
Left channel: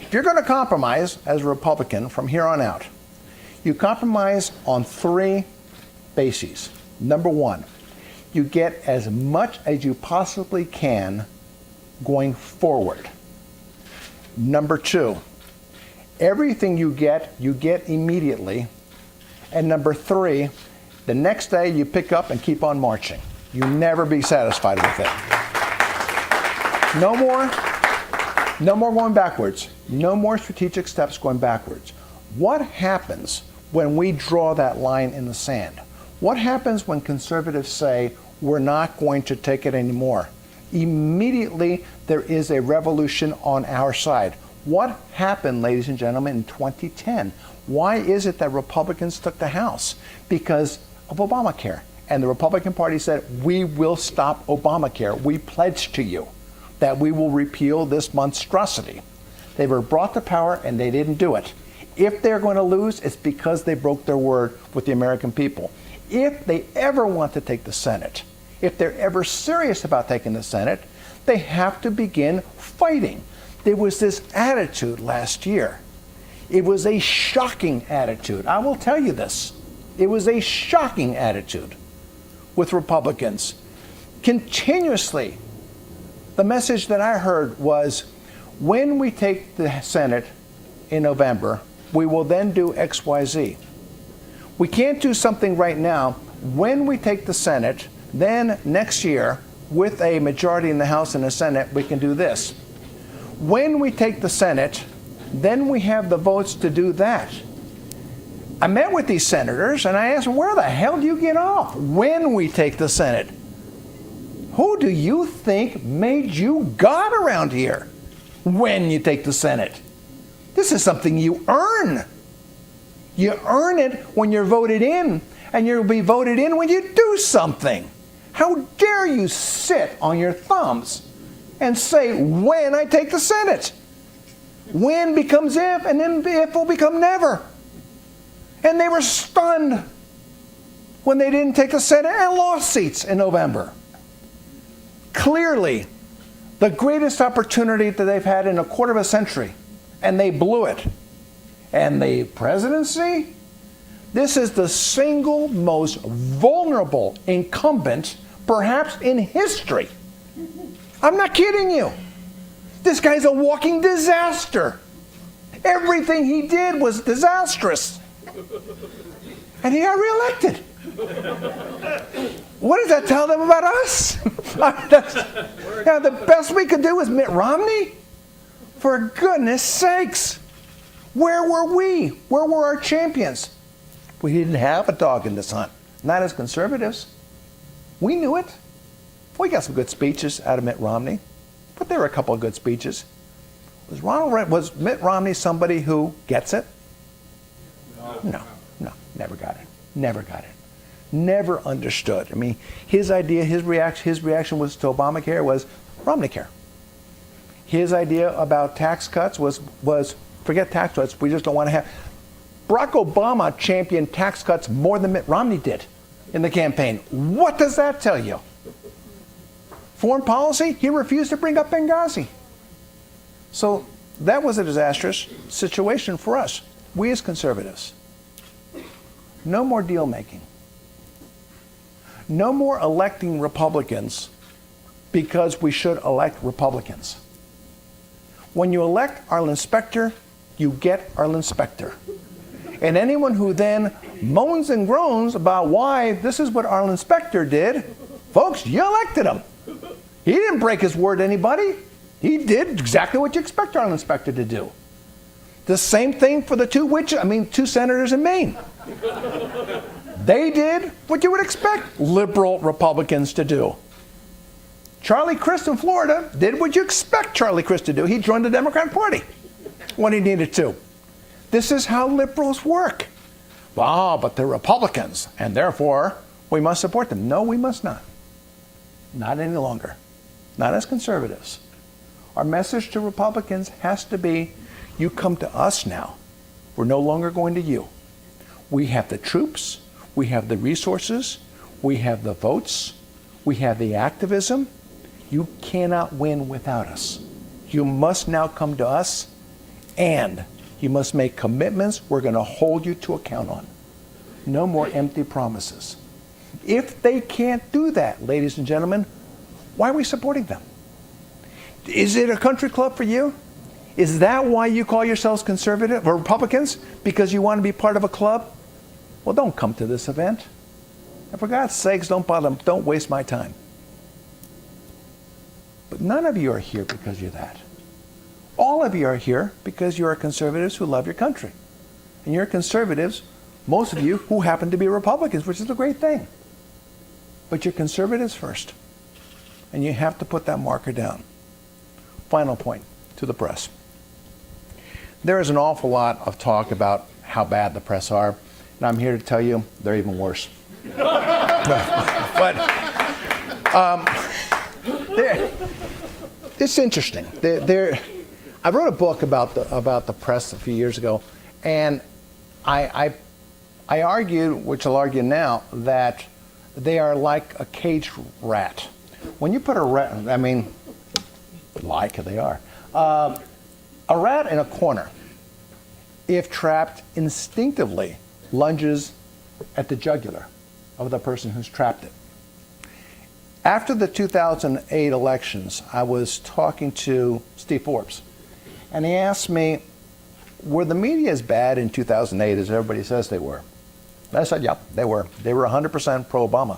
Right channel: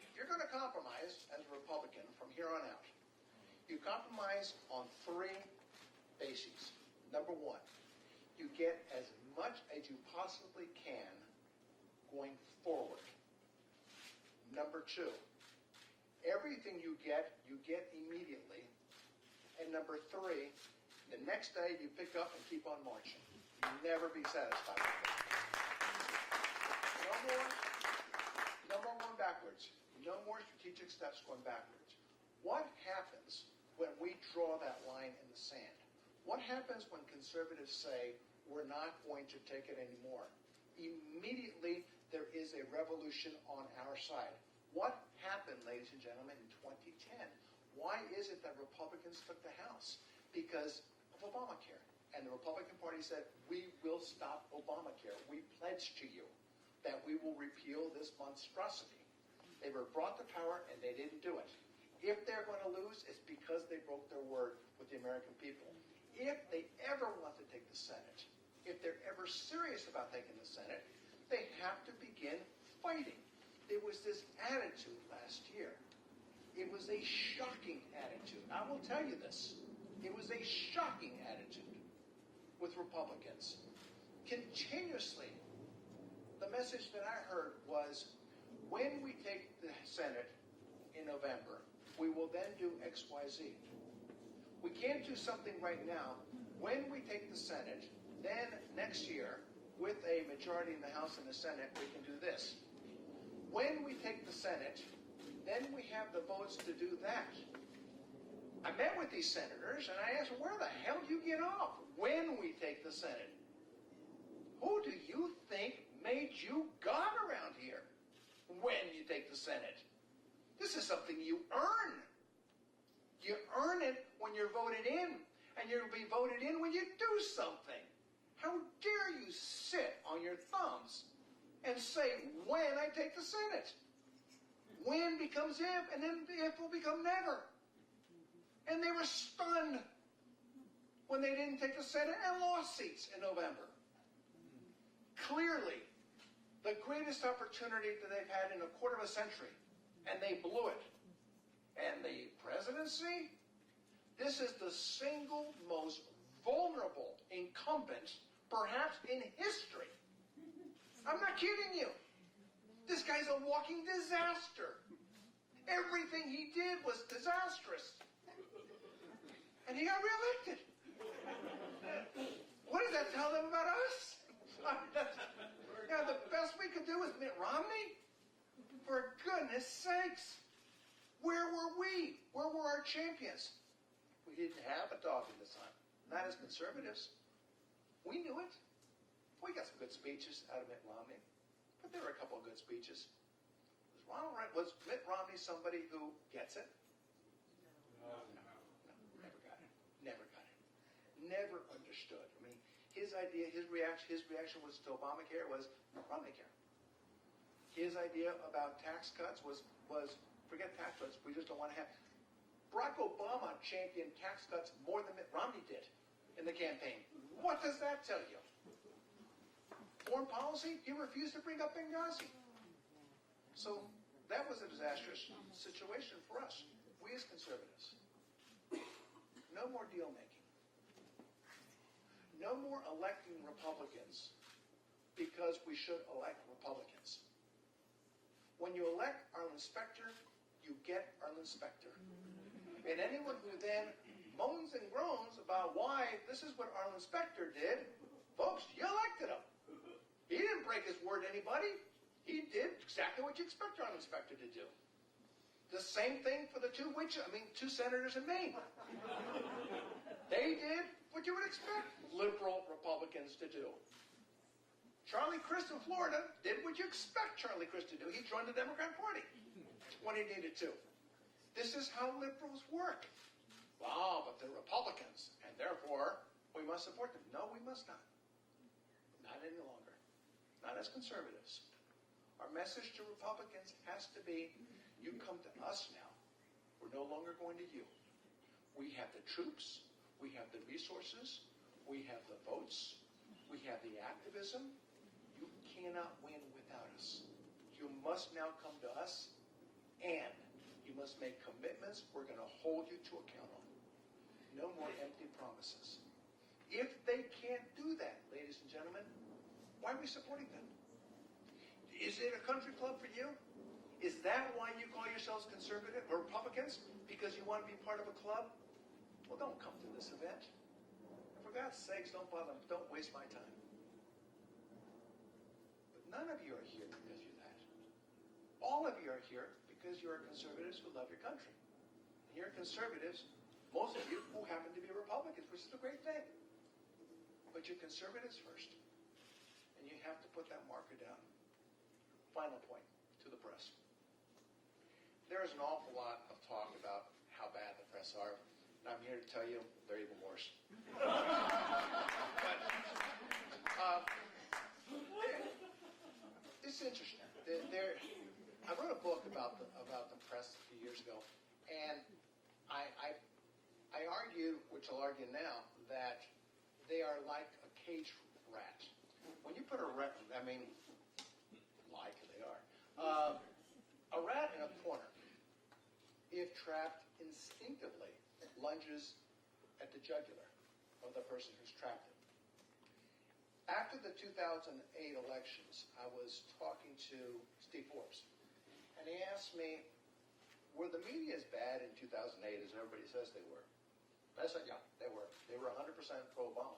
If you're going to compromise as a Republican from here on out, you compromise on three bases. Number one, you get as much as you possibly can going forward. Number two, everything you get immediately. And number three, the next day you pick up and keep on marching. You never be satisfied with it. No more going backwards. No more strategic steps going backwards. What happens when we draw that line in the sand? What happens when conservatives say, we're not going to take it anymore? Immediately, there is a revolution on our side. What happened, ladies and gentlemen, in 2010? Why is it that Republicans took the House? Because of Obamacare. And the Republican Party said, we will stop Obamacare. We pledge to you that we will repeal this monstrosity. They were brought to power and they didn't do it. If they're going to lose, it's because they broke their word with the American people. If they ever want to take the Senate, if they're ever serious about taking the Senate, They have to begin fighting. There was this attitude last year. It was a shocking attitude. I will tell you this. It was a shocking attitude with Republicans. Continuously, the message that I heard was, when we take the Senate in November, we will then do X, Y, Z. We can't do something right now. When we take the Senate, then next year, with a majority in the House and the Senate, we can do this. When we take the Senate, then we have the votes to do that. I met with these senators and I asked them, where the hell do you get off when we take the Senate? Who do you think made you God around here when you take the Senate? This is something you earn. You earn it when you're voted in, and you'll be voted in when you do something. How dare you sit on your thumbs and say, when I take the Senate? When becomes if, and then if will become never. And they were stunned when they didn't take the Senate and lost seats in November. Clearly, the greatest opportunity that they've had in a quarter of a century, and they blew it. And the presidency, this is the single most vulnerable incumbent, perhaps in history. I'm not kidding you. This guy's a walking disaster. Everything he did was disastrous. And he got reelected. What does that tell them about us? The best we could do was Mitt Romney? For goodness sakes. Where were we? Where were our champions? We didn't have a dog in this hunt. Not as conservatives. We knew it. We got some good speeches out of Mitt Romney. But there were a couple of good speeches. Was Mitt Romney somebody who gets it? No, never got it. Never got it. Never understood. I mean, his idea, his reaction was to Obamacare was Romneycare. His idea about tax cuts was forget tax cuts, we just don't want to have. Barack Obama championed tax cuts more than Mitt Romney did in the campaign. What does that tell you? Foreign policy, he refused to bring up Benghazi. So that was a disastrous situation for us, we as conservatives. No more deal making. No more electing Republicans because we should elect Republicans. When you elect Arlen Specter, you get Arlen Specter. And anyone who then moans and groans about why this is what Arlen Specter did, folks, you elected him. He didn't break his word to anybody. He did exactly what you expect Arlen Specter to do. The same thing for the two senators in Maine. They did what you would expect liberal Republicans to do. Charlie Crist in Florida did what you expect Charlie Crist to do. He joined the Democratic Party when he needed to. This is how liberals work. But they're Republicans, and therefore we must support them. No, we must not. Not any longer. Not as conservatives. Our message to Republicans has to be, you come to us now. We're no longer going to you. We have the troops, we have the resources, we have the votes, we have the activism. You cannot win without us. You must now come to us, and you must make commitments we're going to hold you to account on. No more empty promises. If they can't do that, ladies and gentlemen, why are we supporting them? Is it a country club for you? Is that why you call yourselves conservative or Republicans? Because you want to be part of a club? Well, don't come to this event. And for God's sakes, don't waste my time. But none of you are here because you're that. All of you are here because you are conservatives who love your country. And you're conservatives, most of you, who happen to be Republicans, which is a great thing. But you're conservatives first. And you have to put that marker down. Final point to the press. There is an awful lot of talk about how bad the press are, and I'm here to tell you they're even worse. It's interesting. I wrote a book about the press a few years ago, and I argued, which I'll argue now, that they are like a caged rat. When you put a rat, like they are. A rat in a corner, if trapped, instinctively lunges at the jugular of the person who's trapped it. After the 2008 elections, I was talking to Steve Forbes, and he asked me, were the media as bad in 2008 as everybody says they were? And I said, yep, they were. They were 100% pro-Obama.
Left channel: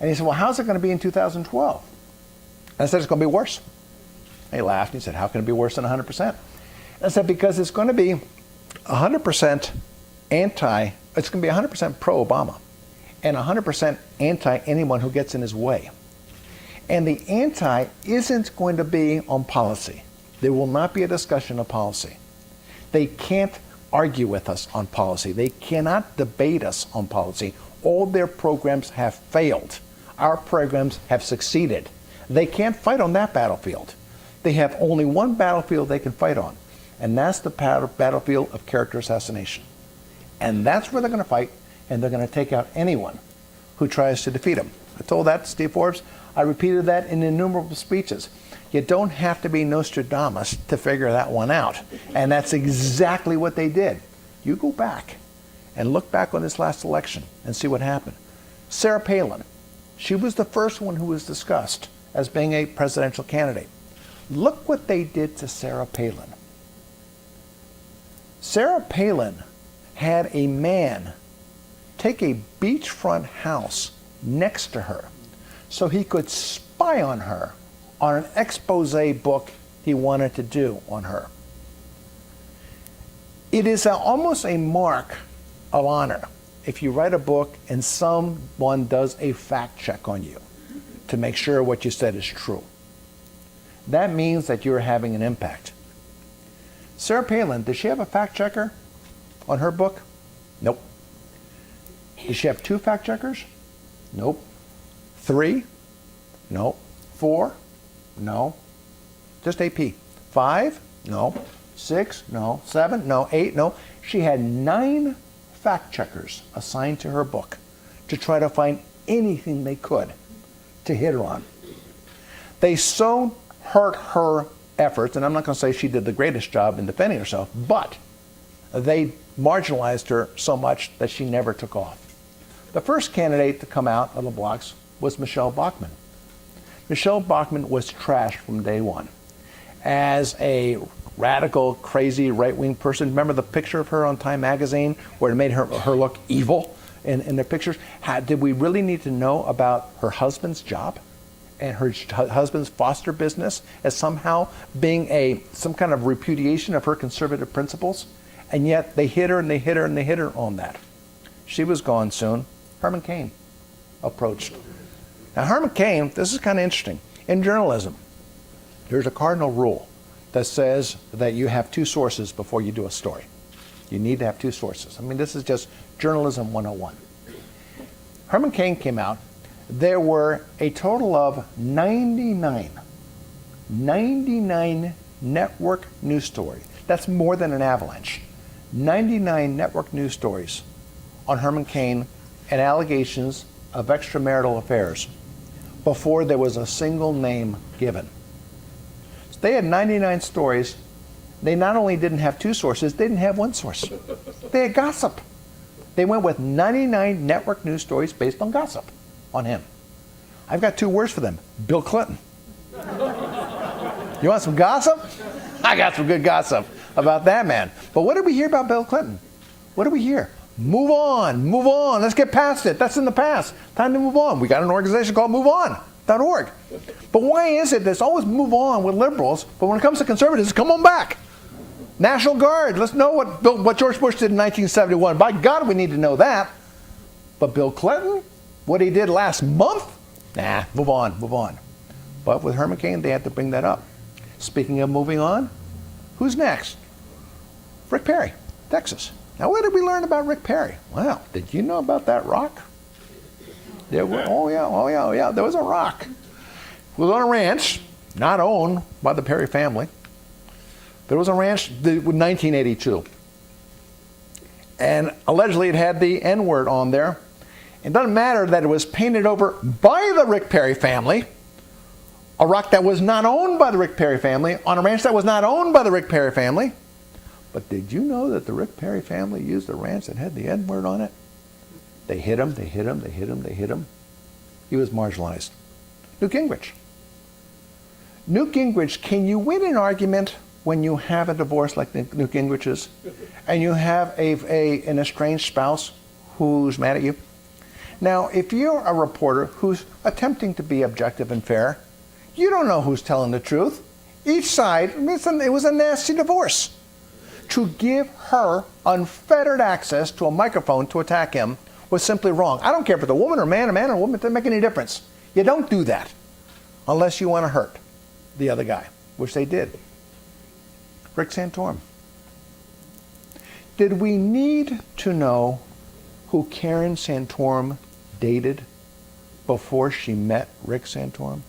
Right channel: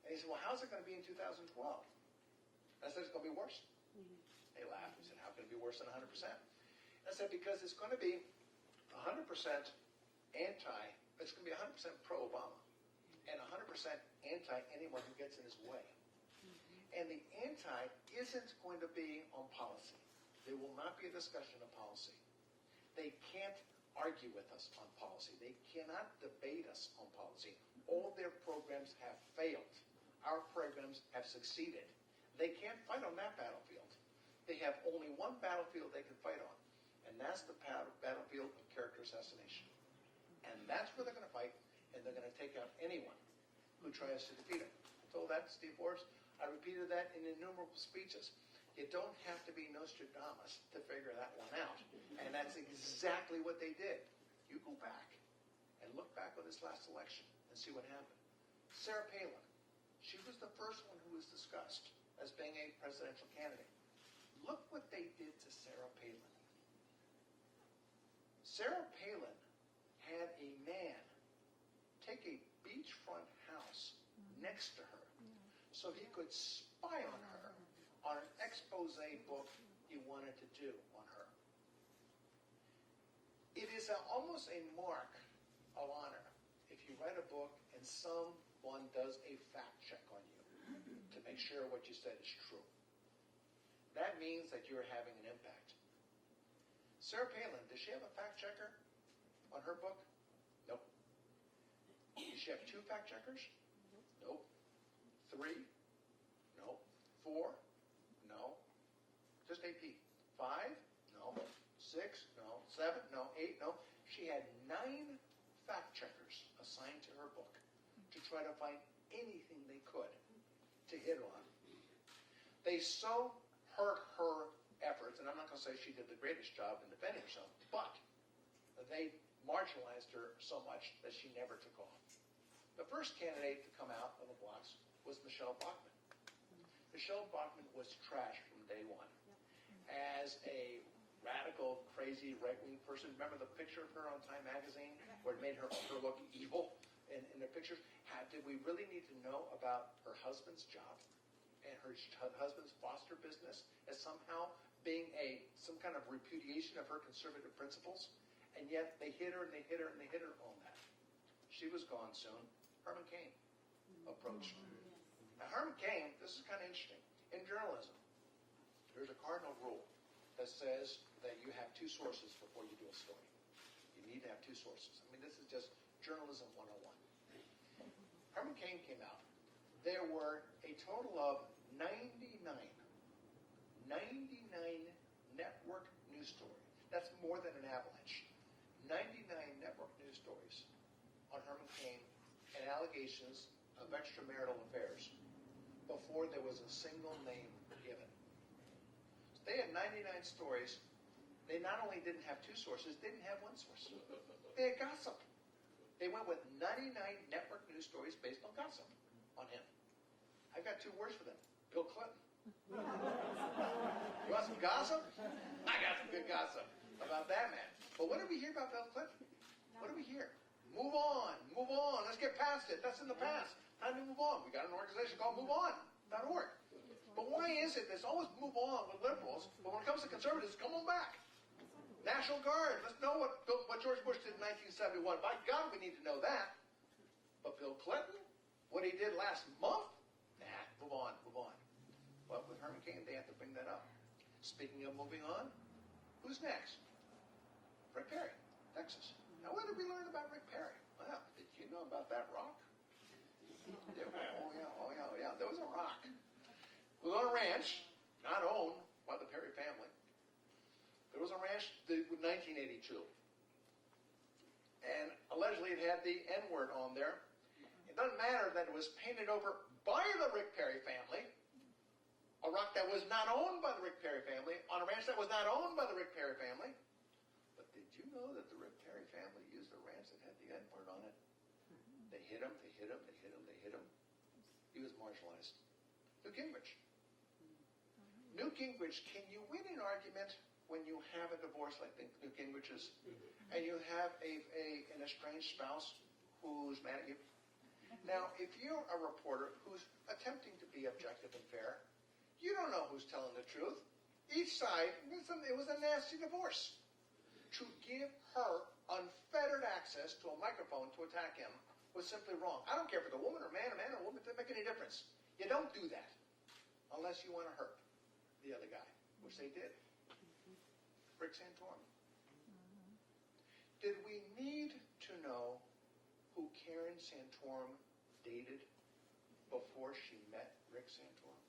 And he said, well, how's it going to be in 2012? And I said, it's going to be worse. And he laughed and he said, how can it be worse than 100%? And I said, because it's going to be 100% it's going to be 100% pro-Obama and 100% anti anyone who gets in his way. And the anti isn't going to be on policy. There will not be a discussion of policy. They can't argue with us on policy. They cannot debate us on policy. All their programs have failed. Our programs have succeeded. They can't fight on that battlefield. They have only one battlefield they can fight on, and that's the battlefield of character assassination. And that's where they're going to fight, and they're going to take out anyone who tries to defeat them. I told that to Steve Forbes. I repeated that in innumerable speeches. You don't have to be Nostradamus to figure that one out. And that's exactly what they did. You go back and look back on this last election and see what happened. Sarah Palin, she was the first one who was discussed as being a presidential candidate. Look what they did to Sarah Palin. Sarah Palin had a man take a beachfront house next to her so he could spy on her on an expose book he wanted to do on her. It is almost a mark of honor if you write a book and someone does a fact check on you to make sure what you said is true. That means that you're having an impact. Sarah Palin, does she have a fact checker on her book? Nope. Does she have 2 fact checkers? Nope. 3? No. 4? No. Just AP. 5? No. 6? No. 7? No. 8? No. She had 9 fact checkers assigned to her book to try to find anything they could to hit her on. They so hurt her efforts, and I'm not going to say she did the greatest job in defending herself, but they marginalized her so much that she never took off. The first candidate to come out of the blocks was Michelle Bachmann. Michelle Bachmann was trashed from day one as a radical, crazy, right-wing person. Remember the picture of her on Time magazine where it made her look evil in the pictures? Did we really need to know about her husband's job and her husband's foster business as somehow being some kind of repudiation of her conservative principles? And yet they hit her and they hit her and they hit her on that. She was gone soon. Herman Cain approached. Now Herman Cain, this is kind of interesting. In journalism, there's a cardinal rule that says that you have 2 sources before you do a story. You need to have 2 sources. I mean, this is just journalism 101. Herman Cain came out. There were a total of 99 network news stories. That's more than an avalanche. 99 network news stories on Herman Cain and allegations of extramarital affairs before there was a single name given. So they had 99 stories. They not only didn't have 2 sources, they didn't have 1 source. They had gossip. They went with 99 network news stories based on gossip on him. I've got 2 words for them. Bill Clinton. You want some gossip? I got some good gossip about that man. But what did we hear about Bill Clinton? What did we hear? Move on, move on. Let's get past it. That's in the past. Time to move on. We got an organization called MoveOn.org. But why is it there's always move on with liberals, but when it comes to conservatives, come on back. National Guard. Let's know what George Bush did in 1971. By God, we need to know that. But Bill Clinton, what he did last month? Nah, move on, move on. But with Herman Cain, they had to bring that up. Speaking of moving on, who's next? Rick Perry, Texas. Now, what did we learn about Rick Perry? Well, did you know about that rock? There was, oh yeah, there was a rock. It was on a ranch, not owned by the Perry family. There was a ranch in 1982. And allegedly it had the N-word on there. It doesn't matter that it was painted over by the Rick Perry family a rock that was not owned by the Rick Perry family, on a ranch that was not owned by the Rick Perry family. But did you know that the Rick Perry family used a ranch that had the N word on it? They hit him, they hit him, they hit him, they hit him. He was marginalized. Newt Gingrich. Newt Gingrich, can you win an argument when you have a divorce like Newt Gingrich's, and you have an estranged spouse who's mad at you? Now, if you're a reporter who's attempting to be objective and fair, you don't know who's telling the truth. Each side, it was a nasty divorce. To give her unfettered access to a microphone to attack him was simply wrong. I don't care if it's a woman or a man or a woman, it doesn't make any difference. You don't do that unless you want to hurt the other guy, which they did. Rick Santorum. Did we need to know who Karen Santorum dated before she met Rick Santorum?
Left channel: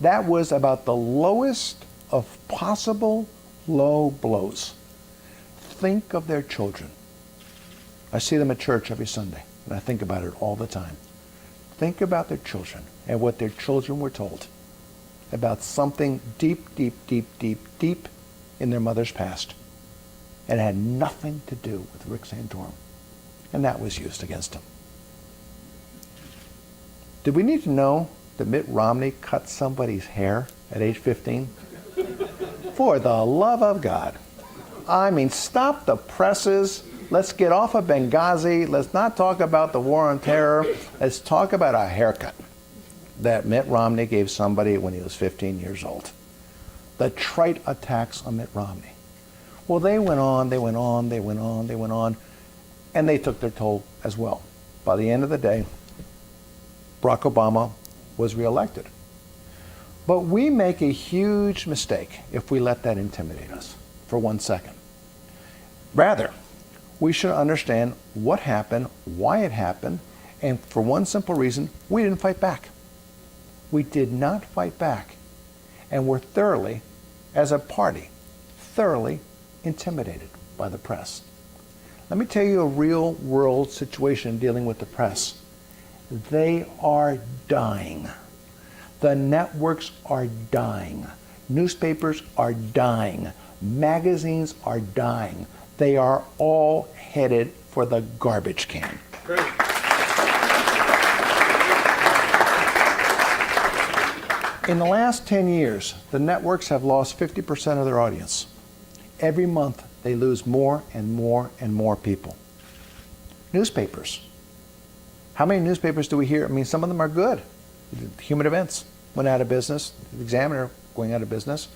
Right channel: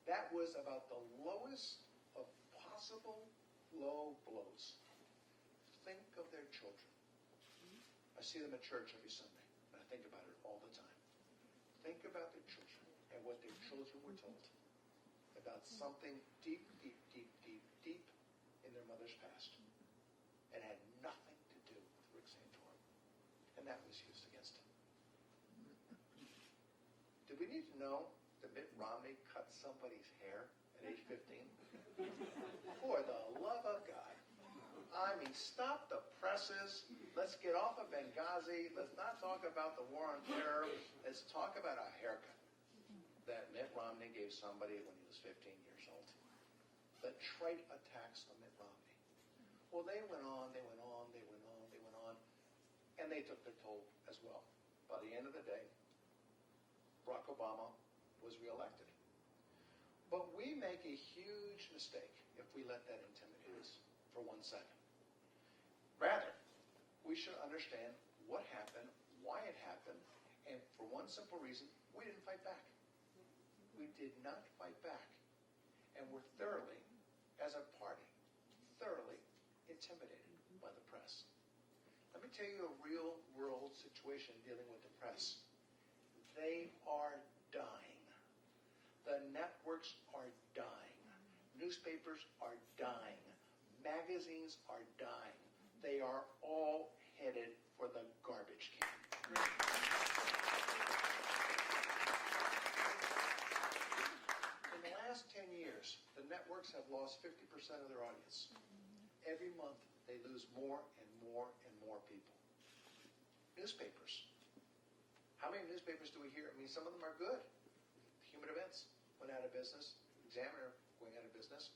That was about the lowest of possible low blows. Think of their children. I see them at church every Sunday, and I think about it all the time. Think about their children and what their children were told about something deep, deep, deep, deep, deep in their mother's past. And it had nothing to do with Rick Santorum. And that was used against him. Did we need to know that Mitt Romney cut somebody's hair at age 15? For the love of God. I mean, stop the presses. Let's get off of Benghazi. Let's not talk about the war on terror. Let's talk about a haircut that Mitt Romney gave somebody when he was 15 years old. The trite attacks on Mitt Romney. Well, they went on, they went on, they went on, they went on, and they took their toll as well. By the end of the day, Barack Obama was reelected. But we make a huge mistake if we let that intimidate us for 1 second. Rather, we should understand what happened, why it happened, and for one simple reason, we didn't fight back. We did not fight back, and were thoroughly, as a party, thoroughly intimidated by the press. Let me tell you a real-world situation dealing with the press. They are dying. The networks are dying. Newspapers are dying. Magazines are dying. They are all headed for the garbage can. Great. In the last 10 years, the networks have lost 50% of their audience. Every month, they lose more and more and more people. Newspapers. How many newspapers do we hear? I mean, some of them are good. Human Events went out of business. The Examiner going out of business.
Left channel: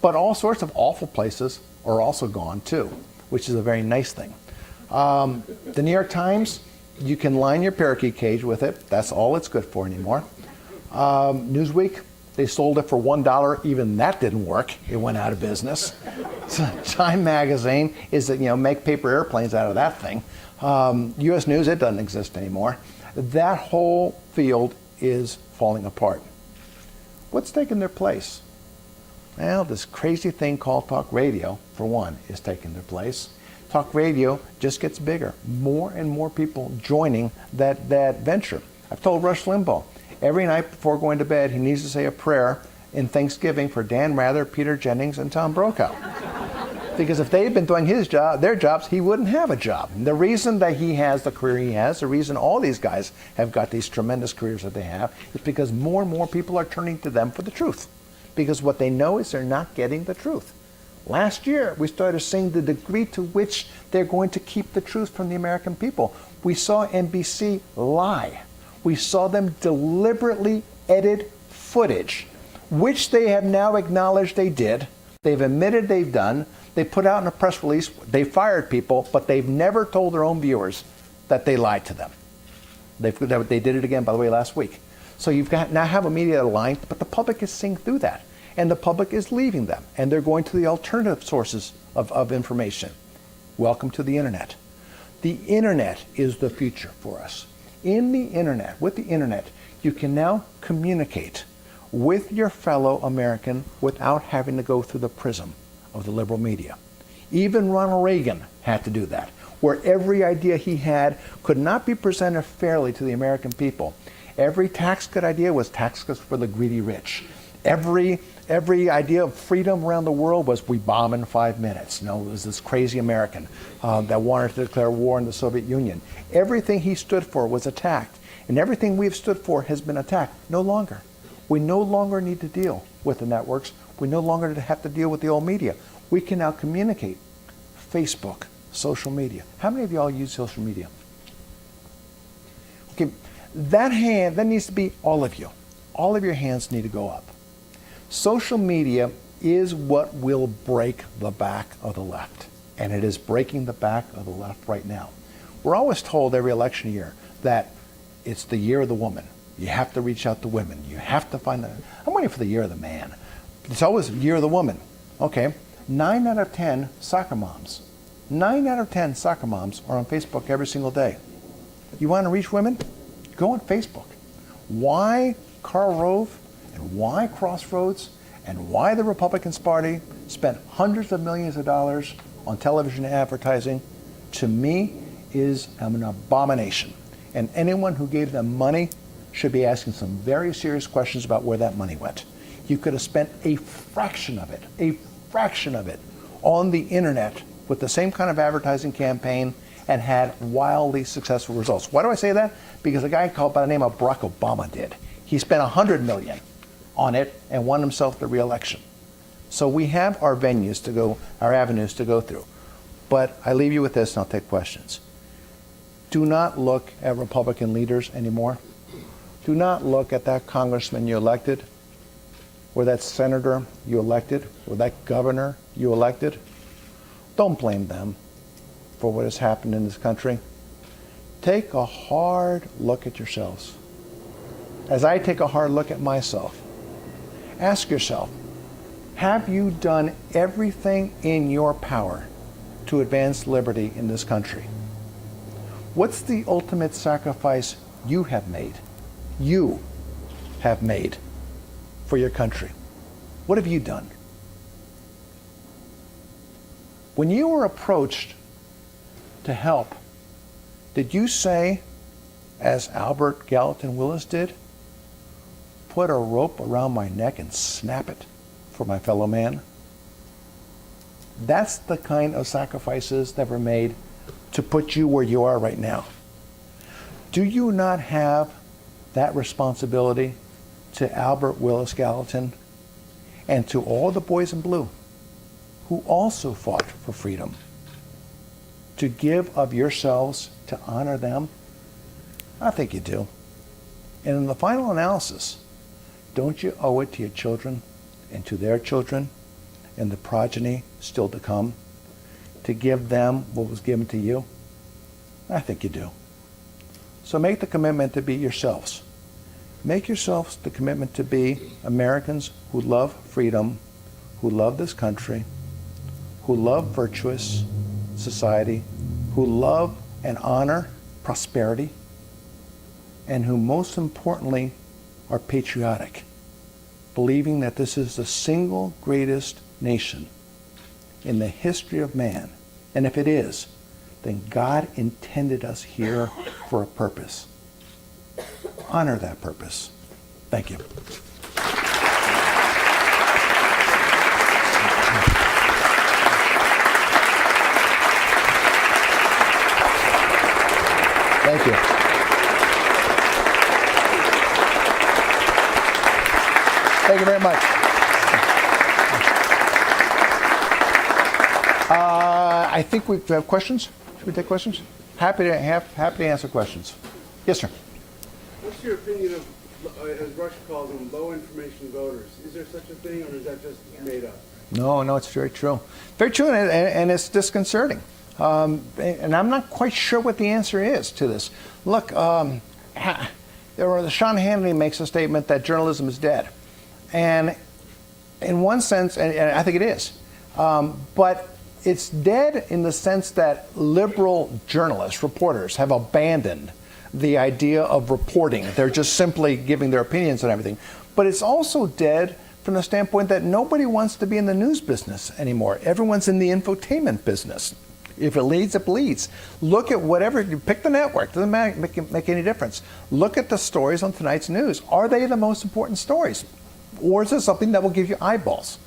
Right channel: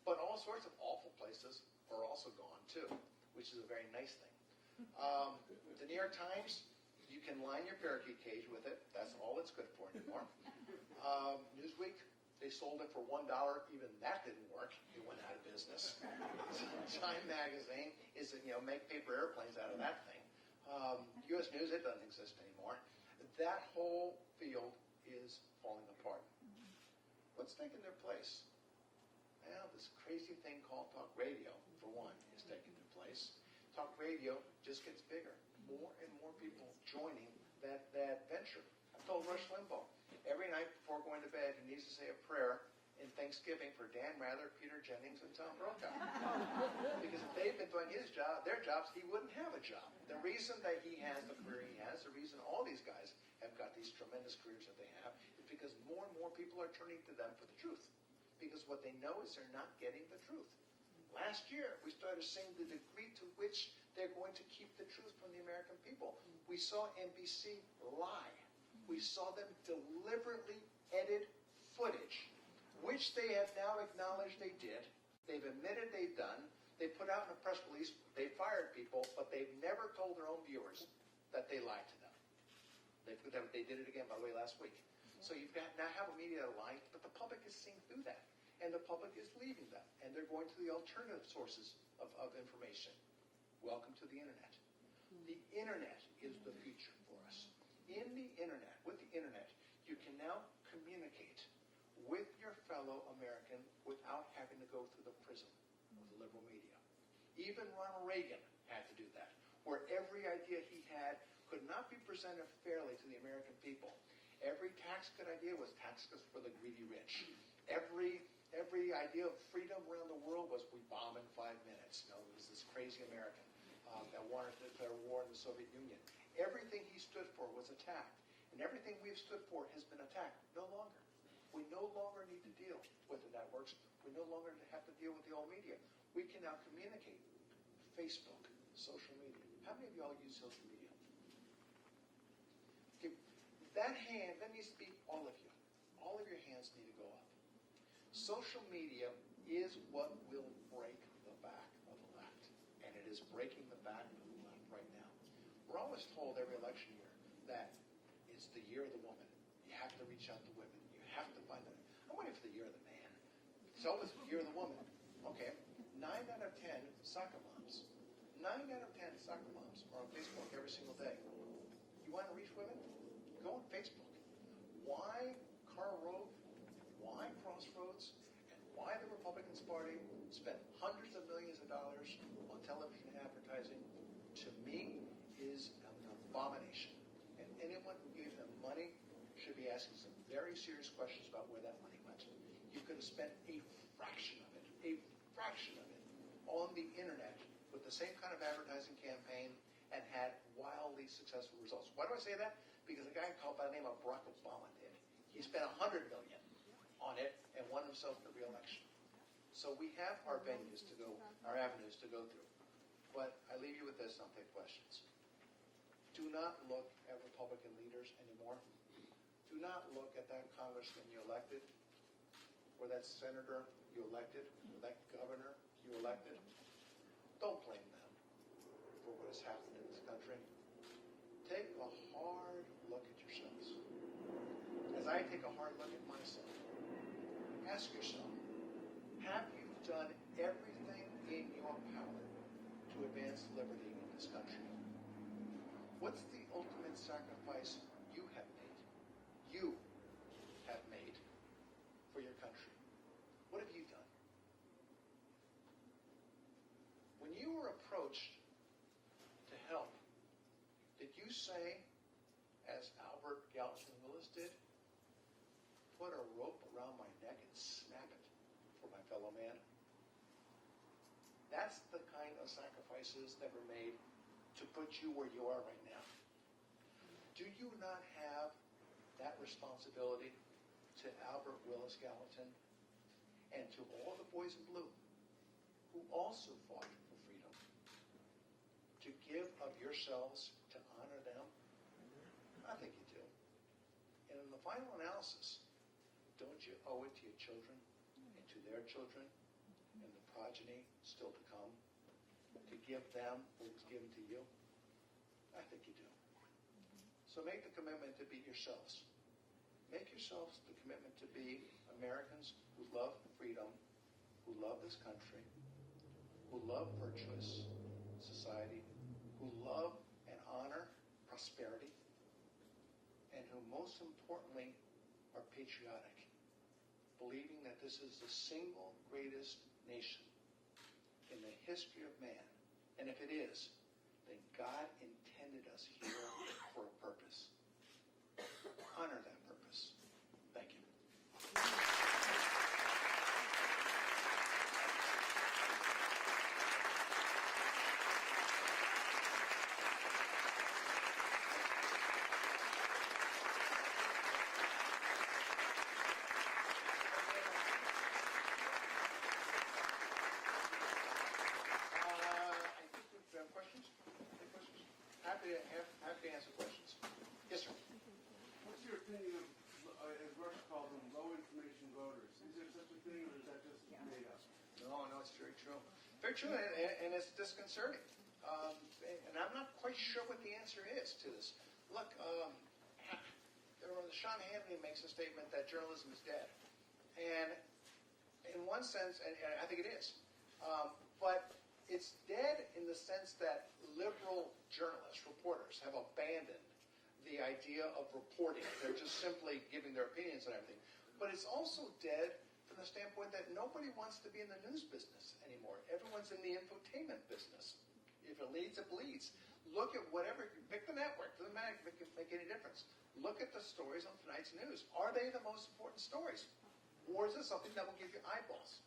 But all sorts of awful places are also gone too, which is a very nice thing. The New York Times, you can line your parakeet cage with it. That's all it's good for anymore. Newsweek, they sold it for $1. Even that didn't work. It went out of business. Time Magazine is that, make paper airplanes out of that thing. U.S. News, it doesn't exist anymore. That whole field is falling apart. What's taking their place? Well, this crazy thing called talk radio, for one, is taking their place. Talk radio just gets bigger. More and more people joining that venture. I've told Rush Limbaugh, every night before going to bed, he needs to say a prayer in Thanksgiving for Dan Rather, Peter Jennings, and Tom Brokaw. Because if they'd been doing their jobs, he wouldn't have a job. And the reason that he has the career he has, the reason all these guys have got these tremendous careers that they have, is because more and more people are turning to them for the truth. Because what they know is they're not getting the truth. Last year, we started seeing the degree to which they're going to keep the truth from the American people. We saw NBC lie. We saw them deliberately edit footage, which they have now acknowledged they did. They've admitted they've done. They put out in a press release, they fired people, but they've never told their own viewers that they lied to them. They did it again, by the way, last week. So you've got now have a media lying, but the public is seeing through that. And the public is leaving them, and they're going to the alternative sources of information. Welcome to the internet. The internet is the future for us. In the internet, with the internet, you can now communicate with your fellow American without having to go through the prism of the liberal media. Even Ronald Reagan had to do that, where every idea he had could not be presented fairly to the American people. Every tax cut idea was tax cuts for the greedy rich. Every idea of freedom around the world was we bomb in 5 minutes. No, it was this crazy American that wanted to declare war on the Soviet Union. Everything he stood for was attacked, and everything we've stood for has been attacked. No longer. We no longer need to deal with the networks. We no longer have to deal with the old media. We can now communicate. Facebook, social media. How many of y'all use social media? Okay, that needs to be all of you. All of your hands need to go up. Social media is what will break the back of the left, and it is breaking the back of the left right now. We're always told every election year that it's the year of the woman. You have to reach out to women. You have to find I'm waiting for the year of the man. It's always the year of the woman. Okay, 9 out of 10 soccer moms. 9 out of 10 soccer moms are on Facebook every single day. You want to reach women? Go on Facebook. Why Karl Rove and why Crossroads and why the Republican Party spent hundreds of millions of dollars on television advertising, to me, is an abomination. And anyone who gave them money should be asking some very serious questions about where that money went. You could have spent a fraction of it on the internet with the same kind of advertising campaign and had wildly successful results. Why do I say that? Because a guy called by the name of Barack Obama did. He spent $100 million on it and won himself the re-election. So we have our avenues to go through. But I leave you with this and I'll take questions. Do not look at Republican leaders anymore. Do not look at that congressman you elected, or that senator you elected, or that governor you elected. Don't blame them for what has happened in this country. Take a hard look at yourselves. As I take a hard look at myself, ask yourself, have you done everything in your power to advance liberty in this country? What's the ultimate sacrifice you have made? You have made for your country. What have you done? When you were approached to help, did you say, as Albert Gallatin Willis did, put a rope around my neck and snap it for my fellow man? That's the kind of sacrifices that were made to put you where you are right now. Do you not have that responsibility to Albert Willis Gallatin and to all the boys in blue who also fought for freedom, to give of yourselves to honor them? I think you do. And in the final analysis, don't you owe it to your children and to their children and the progeny still to come to give them what was given to you? I think you do. So make the commitment to be yourselves. Make yourselves the commitment to be Americans who love freedom, who love this country, who love virtuous society, who love and honor prosperity, and who most importantly are patriotic, believing that this is the single greatest nation in the history of man. And if it is, then God intended us here for a purpose. Honor that purpose. Thank you. Thank you. Thank you very much. I think we have questions. Should we take questions? Happy to answer questions. Yes, sir. What's your opinion of, as Russia calls them, low information voters? Is there such a thing, or is that just made up? No, it's very true. Very true, and it's disconcerting. And I'm not quite sure what the answer is to this. Look, Sean Hannity makes a statement that journalism is dead. And in one sense, and I think it is, but it's dead in the sense that liberal journalists, reporters, have abandoned the idea of reporting. They're just simply giving their opinions on everything. But it's also dead from the standpoint that nobody wants to be in the news business anymore. Everyone's in the infotainment business. If it leads, it bleeds. Look at whatever, you pick the network, doesn't make any difference. Look at the stories on tonight's news. Are they the most important stories? Or is it something that will give you eyeballs?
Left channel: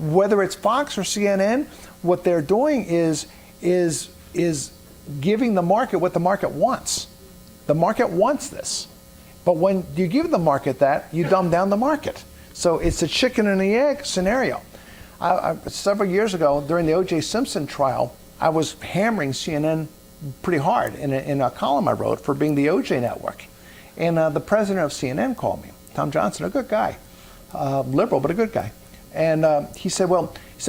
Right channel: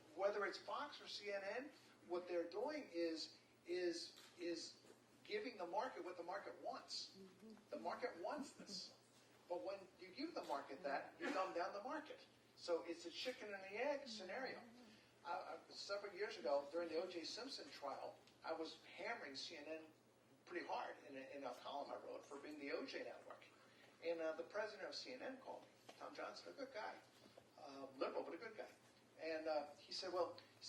Whether it's Fox or CNN, what they're doing is giving the market what the market wants. The market wants this. But when you give the market that, you dumb down the market. So it's a chicken and the egg scenario. Several years ago, during the O.J. Simpson trial, I was hammering CNN pretty hard in a column I wrote for being the O.J. network. And the president of CNN called me, Tom Johnson, a good guy, liberal, but a good guy. And he said,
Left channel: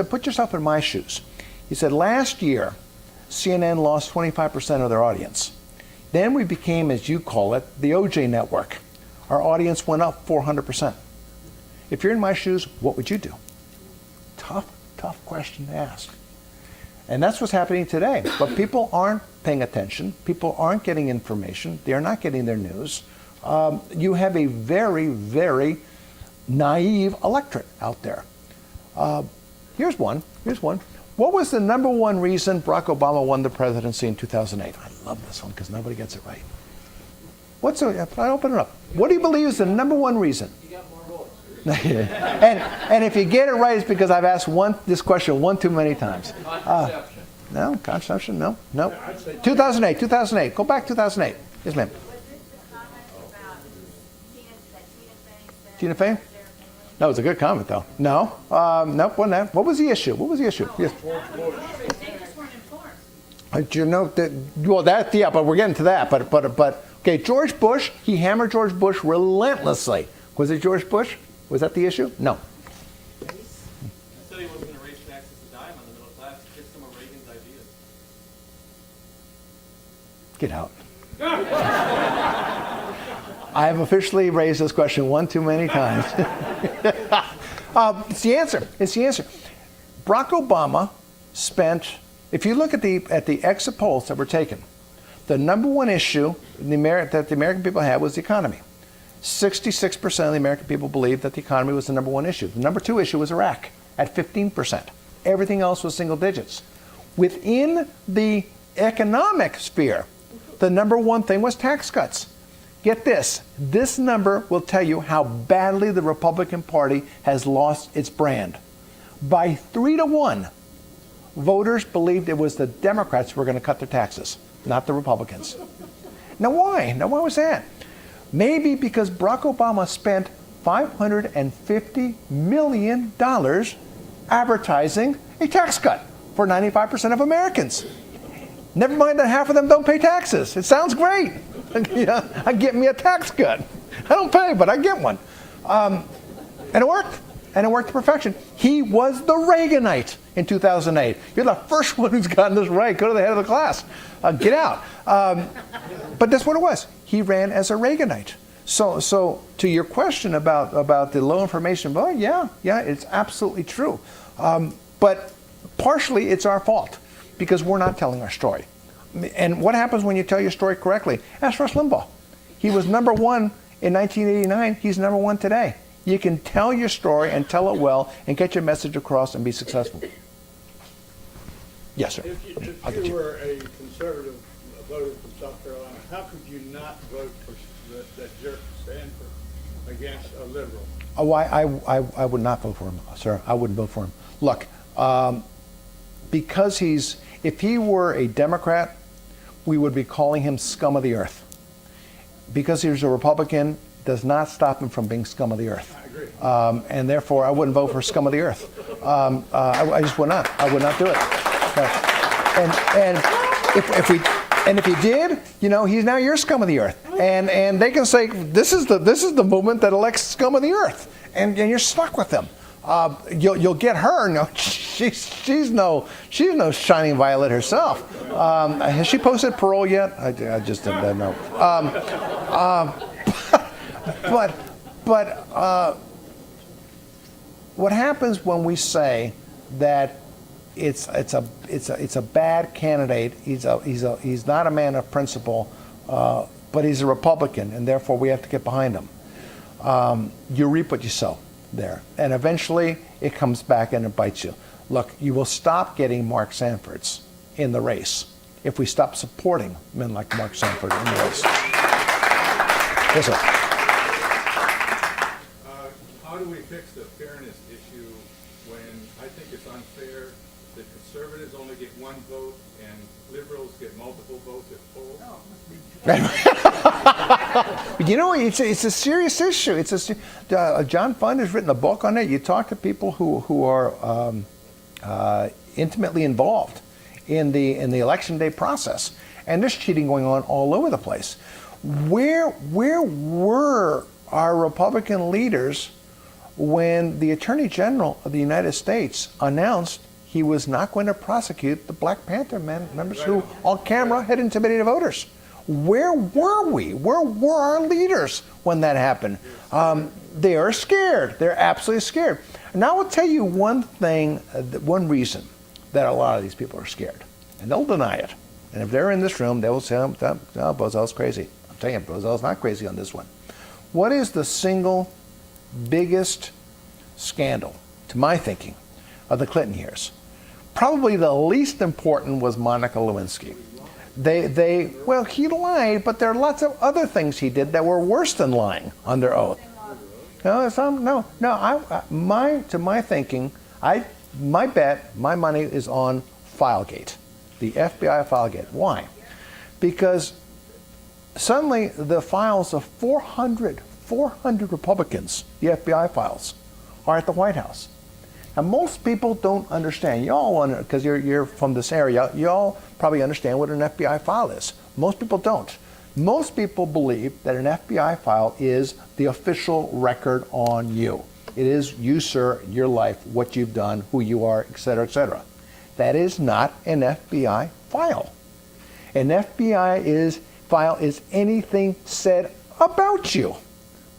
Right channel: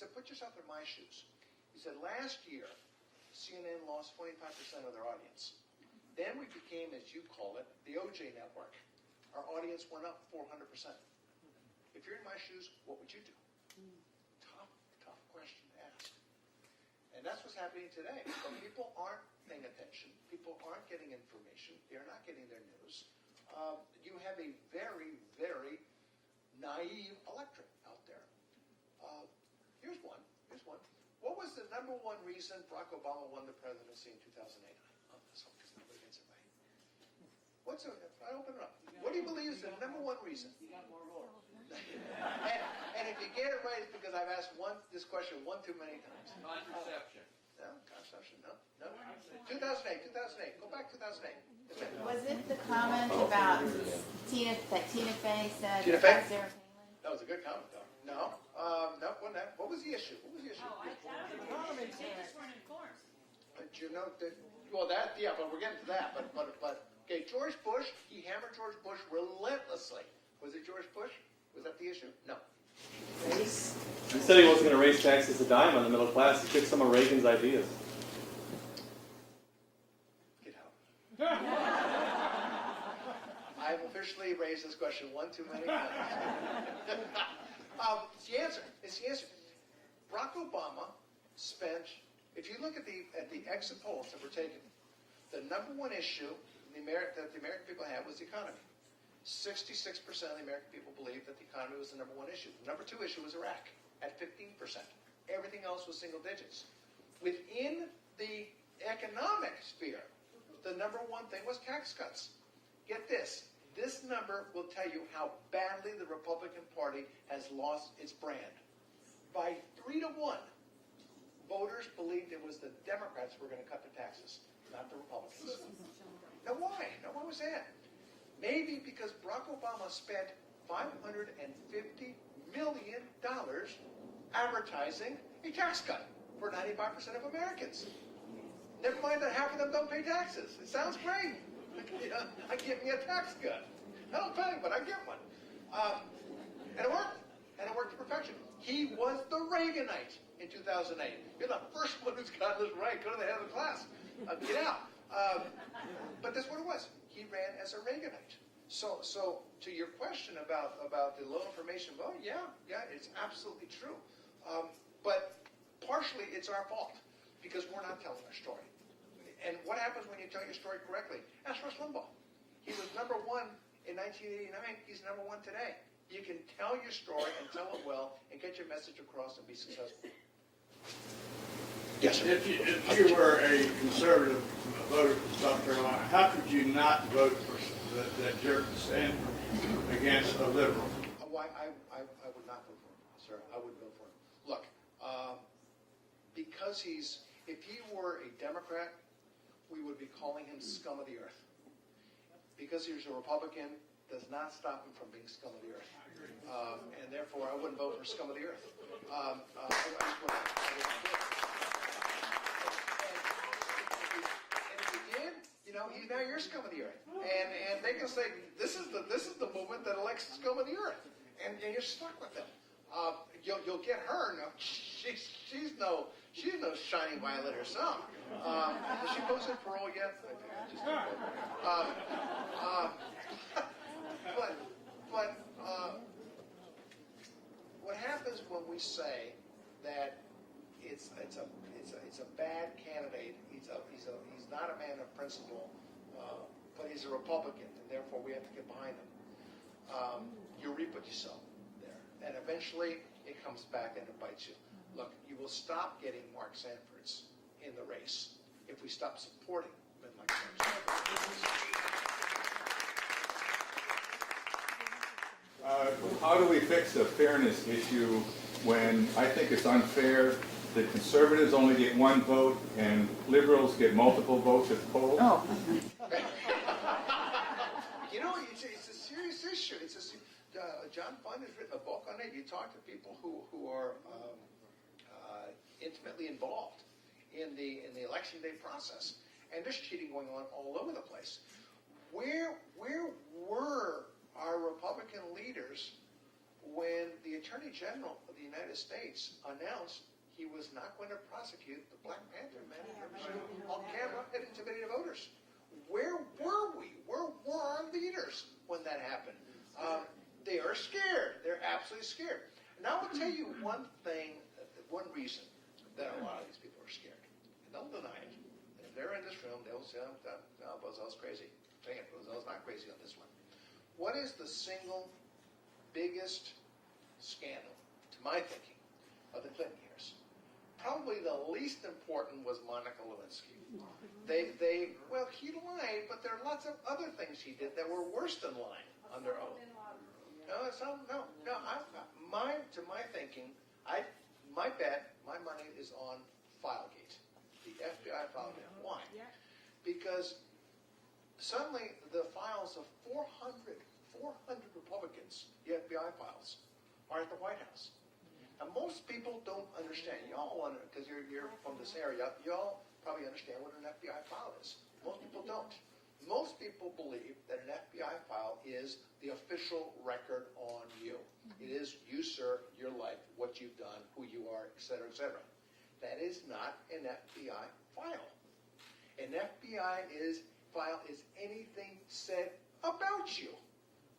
put yourself in my shoes. He said, last year, CNN lost 25% of their audience. Then we became, as you call it, the O.J. network. Our audience went up 400%. If you're in my shoes, what would you do? Tough question to ask. And that's what's happening today. But people aren't paying attention. People aren't getting information. They are not getting their news. You have a very, very naive electorate out there. Here's one. What was the number one reason Barack Obama won the presidency in 2008? I love this one because nobody gets it right. I open it up. What do you believe is the number one reason? You got more votes. and if you get it right, it's because I've asked this question one too many times. Contraception? No. 2008. Go back 2008. Yes, ma'am. Was it the comment about Tina Fey said? Tina Fey? No, it was a good comment, though. No. Nope, wasn't that. What was the issue? Yes. You know that? Yeah, but we're getting to that. But okay, George Bush. He hammered George Bush relentlessly. Was it George Bush? Was that the issue? No. He said he wasn't going to raise taxes a dime on the middle class. He took some of Reagan's ideas. Get out. I have officially raised this question one too many times. It's the answer. Barack Obama spent, if you look at the exit polls that were taken, the number one issue that the American people had was the economy. 66% of the American people believed that the economy was the number one issue. The number two issue was Iraq at 15%. Everything else was single digits. Within the economic sphere, the number one thing was tax cuts. Get this. This number will tell you how badly the Republican Party has lost its brand. By 3-1, voters believed it was the Democrats who were going to cut their taxes, not the Republicans. Now why? Why was that? Maybe because Barack Obama spent $550 million advertising a tax cut for 95% of Americans. Never mind that half of them don't pay taxes. It sounds great. I get me a tax cut. I don't pay, but I get one. And it worked. And it worked to perfection. He was the Reaganite in 2008. You're the first one who's gotten this right. Go to the head of the class. Get out. But that's what it was. He ran as a Reaganite. So to your question about the low information vote, yeah, it's absolutely true. But partially it's our fault because we're not telling our story. And what happens when you tell your story correctly? Ask Rush Limbaugh. He was number one in 1989. He's number one today. You can tell your story and tell it well and get your message across and be successful. Yes, sir. If you were a conservative voter from South Carolina, how could you not vote for that jerk Sanford against a liberal? Oh, I would not vote for him, sir. I wouldn't vote for him. Look, because if he were a Democrat, we would be calling him scum of the earth. Because he was a Republican does not stop him from being scum of the earth. I agree. And therefore, I wouldn't vote for scum of the earth. I just would not. I would not do it. And if he did, he's now your scum of the earth. And they can say this is the movement that elects scum of the earth, and you're stuck with them. You'll get her. No, she's no shining violet herself. Has she posted parole yet? I just didn't know. But what happens when we say that it's a bad candidate? He's not a man of principle, but he's a Republican, and therefore we have to get behind him. You reap what you sow there, and eventually it comes back and it bites you. Look, you will stop getting Mark Sanfords in the race if we stop supporting men like Mark Sanford in the race. Yes, sir. How do we fix the fairness issue when I think it's unfair that conservatives only get one vote and liberals get multiple votes at polls? Oh. You know, it's a serious issue. John Fund has written a book on it. You talk to people who are intimately involved in the election day process, and there's cheating going on all over the place. Where were our Republican leaders when the Attorney General of the United States announced he was not going to prosecute the Black Panther members who, on camera, had intimidated voters? Where were we? Where were our leaders when that happened? They are scared. They're absolutely scared. And I will tell you one thing, one reason that a lot of these people are scared, and they'll deny it. And if they're in this room, they will say, oh, Bozell's crazy. I'm telling you, Bozell's not crazy on this one. What is the single biggest scandal, to my thinking, of the Clinton years? Probably the least important was Monica Lewinsky. Well, he lied, but there are lots of other things he did that were worse than lying under oath. To my thinking, my bet, my money is on Filegate, the FBI Filegate. Why? Because suddenly the files of 400 Republicans, the FBI files, are at the White House. And most people don't understand. Y'all, because you're from this area, y'all probably understand what an FBI file is. Most people don't. Most people believe that an FBI file is the official record on you. It is you, sir, your life, what you've done, who you are, et cetera, et cetera. That is not an FBI file. An FBI file is anything said about you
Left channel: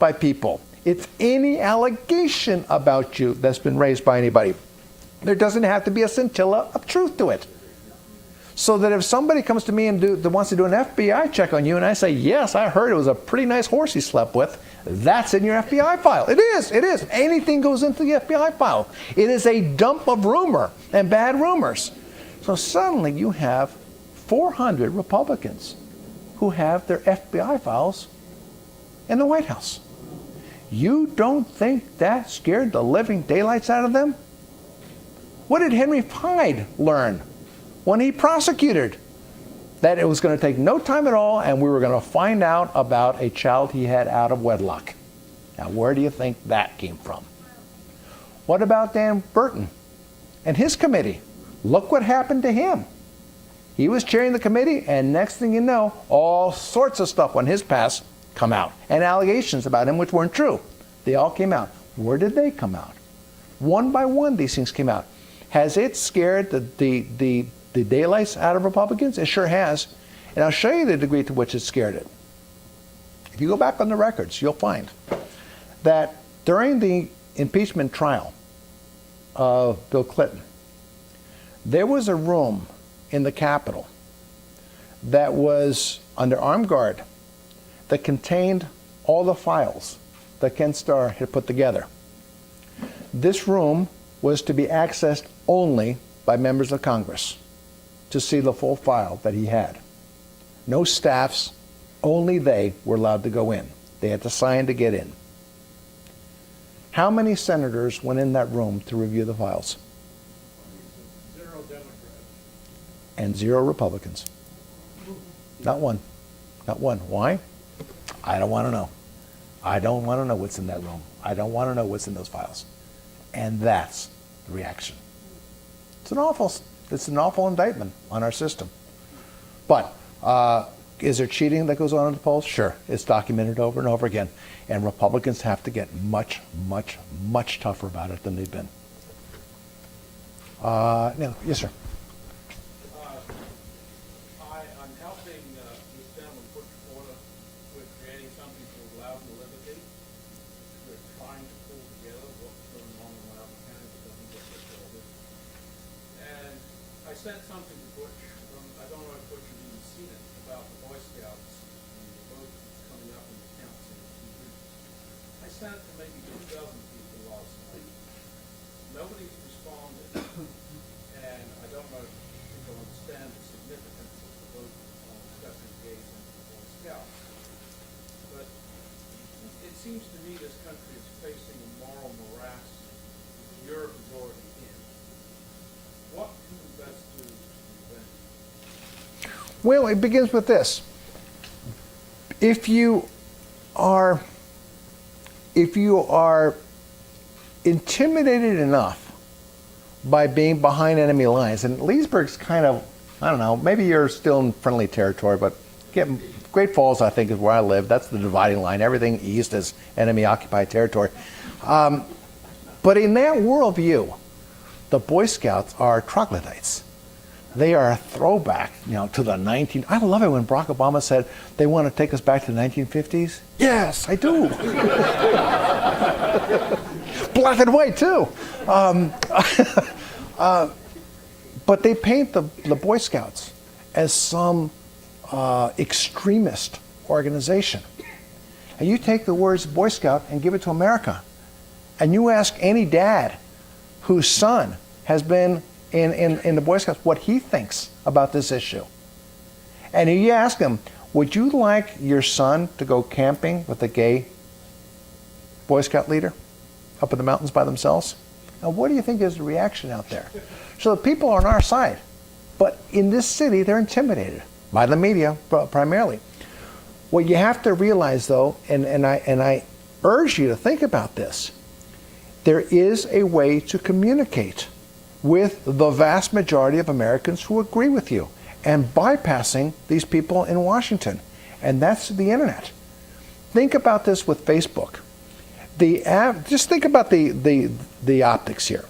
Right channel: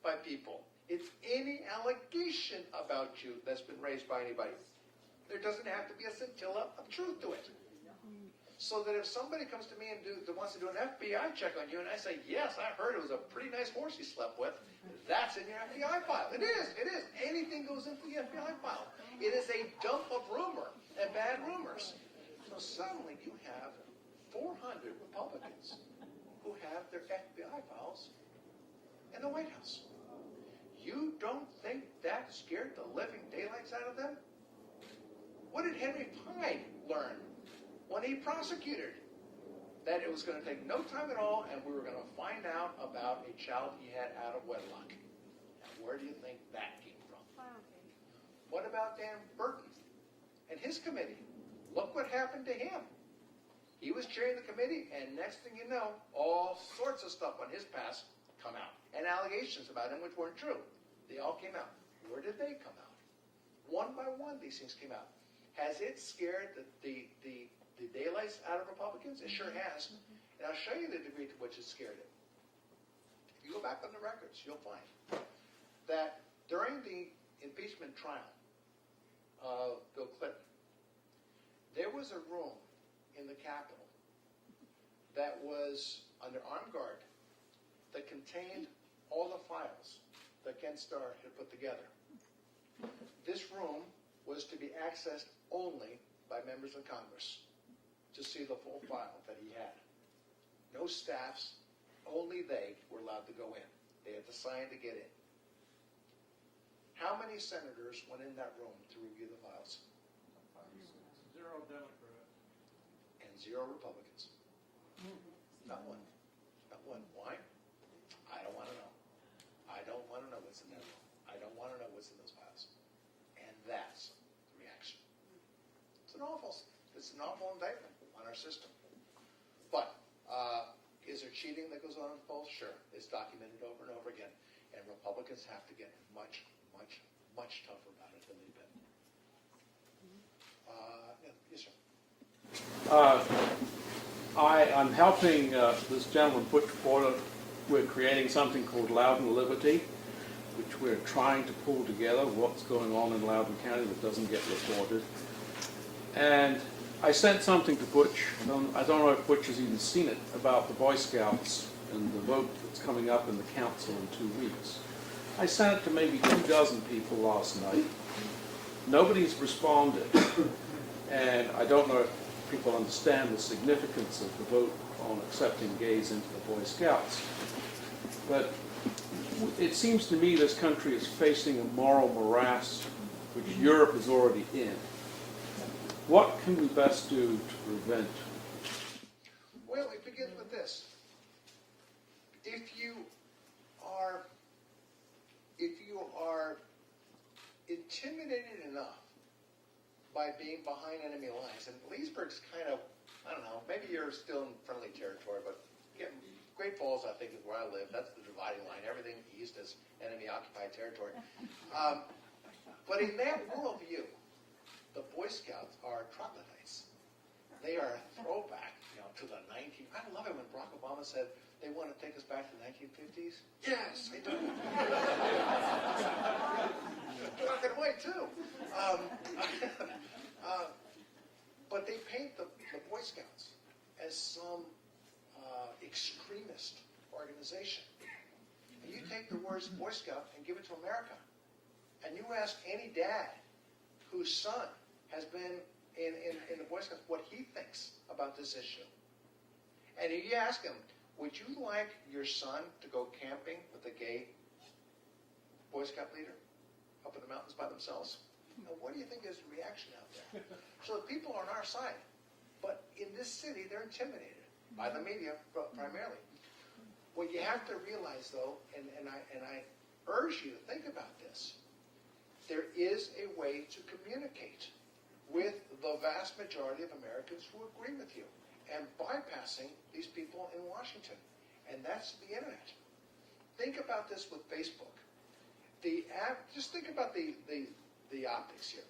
by people. It's any allegation about you that's been raised by anybody. There doesn't have to be a scintilla of truth to it. So that if somebody comes to me and wants to do an FBI check on you, and I say, yes, I heard it was a pretty nice horse he slept with, that's in your FBI file. It is. Anything goes into the FBI file. It is a dump of rumor and bad rumors. So suddenly you have 400 Republicans who have their FBI files in the White House. You don't think that scared the living daylights out of them? What did Henry Hyde learn when he prosecuted? That it was going to take no time at all, and we were going to find out about a child he had out of wedlock. Now, where do you think that came from? What about Dan Burton and his committee? Look what happened to him. He was chairing the committee, and next thing you know, all sorts of stuff on his past come out, and allegations about him which weren't true. They all came out. Where did they come out? One by one, these things came out. Has it scared the daylights out of Republicans? It sure has. And I'll show you the degree to which it scared it. If you go back on the records, you'll find that during the impeachment trial of Bill Clinton, there was a room in the Capitol that was under armed guard that contained all the files that Ken Starr had put together. This room was to be accessed only by members of Congress to see the full file that he had. No staffs, only they were allowed to go in. They had to sign to get in. How many senators went in that room to review the files? 0 Democrats. And 0 Republicans. Not one. Not one. Why? I don't want to know. I don't want to know what's in that room. I don't want to know what's in those files. And that's the reaction. It's an awful indictment on our system. But is there cheating that goes on in the polls? Sure. It's documented over and over again. And Republicans have to get much, much, much tougher about it than they've been. Yes, sir. I'm helping this gentleman put forward. We're creating something called Loudoun Liberty, which we're trying to pull together what's going on in Loudoun County that doesn't get reported. And I sent something to Butch. I don't know if Butch has even seen it, about the Boy Scouts and the vote that's coming up in the council in 2 weeks. I sent it to maybe 24 people last night. Nobody's responded. And I don't know if people understand the significance of the vote on accepting gays into the Boy Scouts. But it seems to me this country is facing a moral morass which Europe is already in. What can we best do to prevent? Well, it begins with this. If you are intimidated enough by being behind enemy lines, and Leesburg's kind of, I don't know, maybe you're still in friendly territory, but Great Falls, I think, is where I live. That's the dividing line. Everything east is enemy-occupied territory. But in that worldview, the Boy Scouts are troglodytes. They are a throwback, to the I love it when Barack Obama said they want to take us back to the 1950s. Yes, I do. Black and white too. But they paint the Boy Scouts as some extremist organization. And you take the words Boy Scout and give it to America, and you ask any dad whose son has been in the Boy Scouts what he thinks about this issue. And you ask him, would you like your son to go camping with a gay Boy Scout leader up in the mountains by themselves? Now, what do you think is the reaction out there? So the people are on our side. But in this city, they're intimidated by the media primarily. What you have to realize, though, and I urge you to think about this, there is a way to communicate with the vast majority of Americans who agree with you and bypassing these people in Washington. And that's the internet. Think about this with Facebook. Just think about the optics here.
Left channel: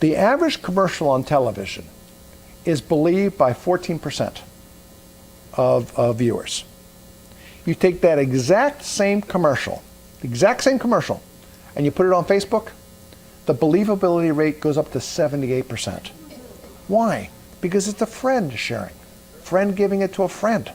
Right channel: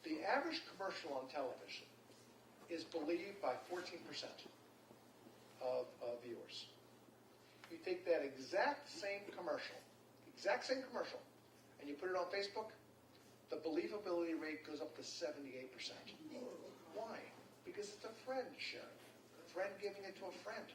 The average commercial on television is believed by 14% of viewers. You take that exact same commercial, and you put it on Facebook, the believability rate goes up to 78%. Why? Because it's a friend sharing, friend giving it to a friend.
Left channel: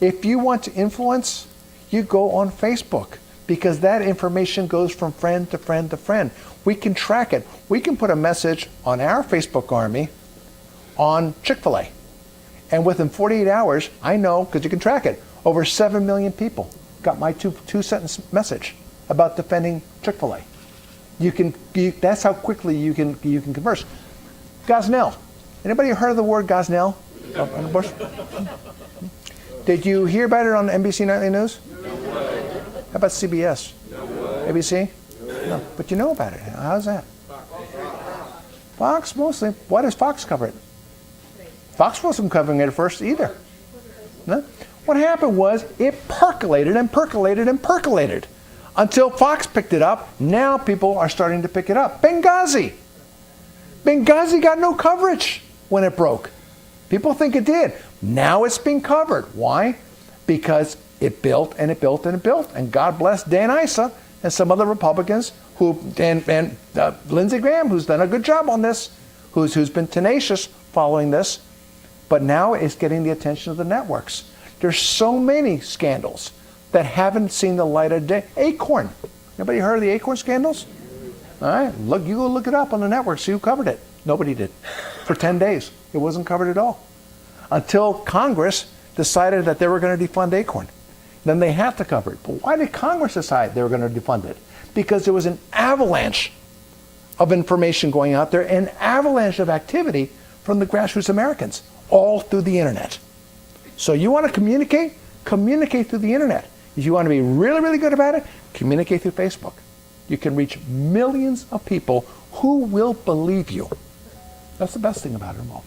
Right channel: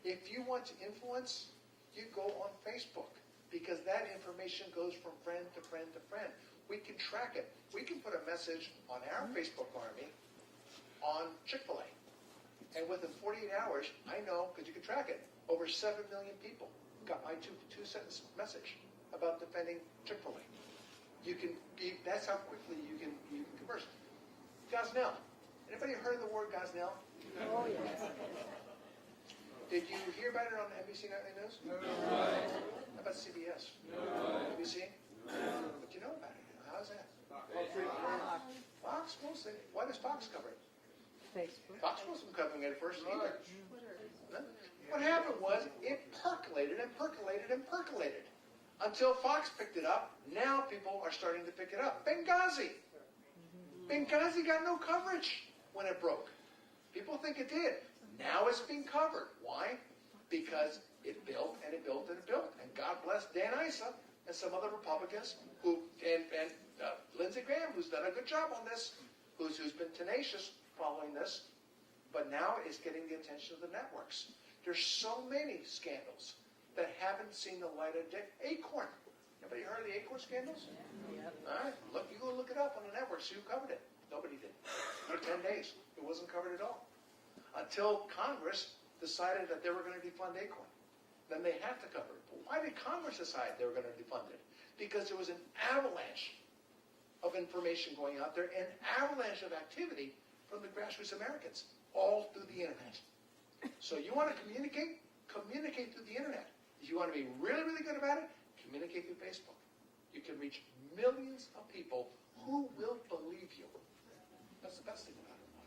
If you want to influence, you go on Facebook, because that information goes from friend to friend to friend. We can track it. We can put a message on our Facebook army on Chick-fil-A. And within 48 hours, I know, because you can track it, over 7 million people got my two-sentence message about defending Chick-fil-A. That's how quickly you can converse. Gosnell. Anybody heard of the word Gosnell? On the bush? Did you hear about it on NBC Nightly News? No way. How about CBS? No way. ABC? No. But you know about it. How's that? Fox mostly. Why does Fox cover it? Fox wasn't covering it at first either. No? What happened was it percolated and percolated and percolated until Fox picked it up. Now people are starting to pick it up. Benghazi got no coverage when it broke. People think it did. Now it's being covered. Why? Because it built and it built and it built. And God bless Dan Issa and some other Republicans and Lindsey Graham, who's done a good job on this, who's been tenacious following this. But now it's getting the attention of the networks. There's so many scandals that haven't seen the light of day. Acorn. Anybody heard of the Acorn scandals? All right, you go look it up on the network, see who covered it. Nobody did. For 10 days, it wasn't covered at all. Until Congress decided that they were going to defund Acorn. Then they had to cover it. But why did Congress decide they were going to defund it? Because there was an avalanche of information going out there, an avalanche of activity from the grassroots Americans, all through the internet. So you want to communicate? Communicate through the internet. If you want to be really, really good about it, communicate through Facebook. You can reach millions of people who will believe you. That's the best thing about it all.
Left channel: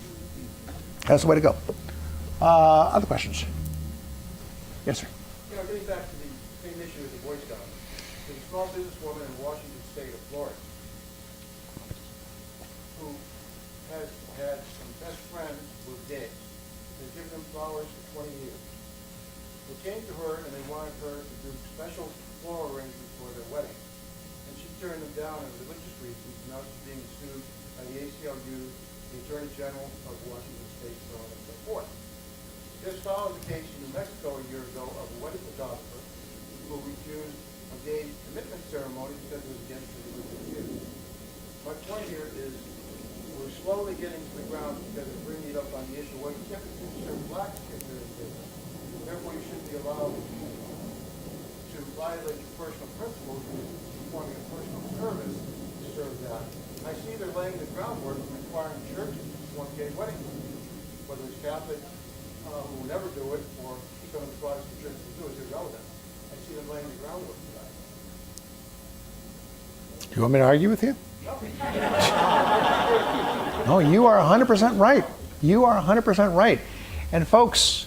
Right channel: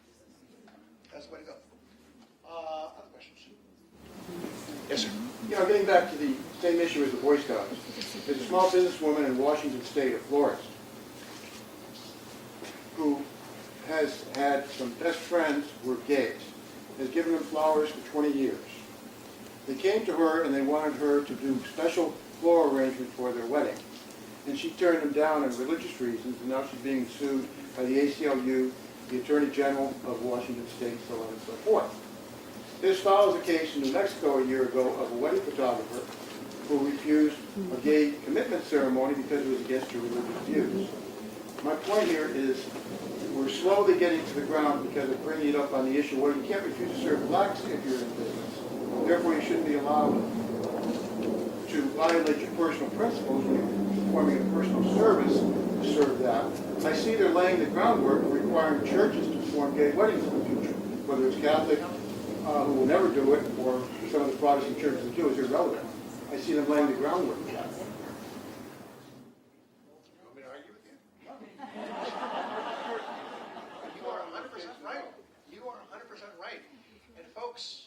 That's the way to go. Other questions? Yes, sir. Getting back to the same issue as the Boy Scouts, there's a small businesswoman in Washington State, a florist, who has had some best friends who are gays, has given them flowers for 20 years. They came to her and they wanted her to do special floral arrangement for their wedding. And she turned them down on religious reasons, and now she's being sued by the ACLU, the Attorney General of Washington State, so on and so forth. This follows a case in New Mexico a year ago of a wedding photographer who refused a gay commitment ceremony because it was against her religious views. My point here is we're slowly getting to the ground because of bringing it up on the issue where you can't refuse to serve blacks if you're in business. Therefore, you shouldn't be allowed to violate your personal principles when you're performing a personal service to serve that. I see they're laying the groundwork for requiring churches to perform gay weddings in the future, whether it's Catholic, who will never do it, or some of the Protestant churches that do, is irrelevant. I see them laying the groundwork for that. You want me to argue with you? No, you are 100% right. You are 100% right. And folks,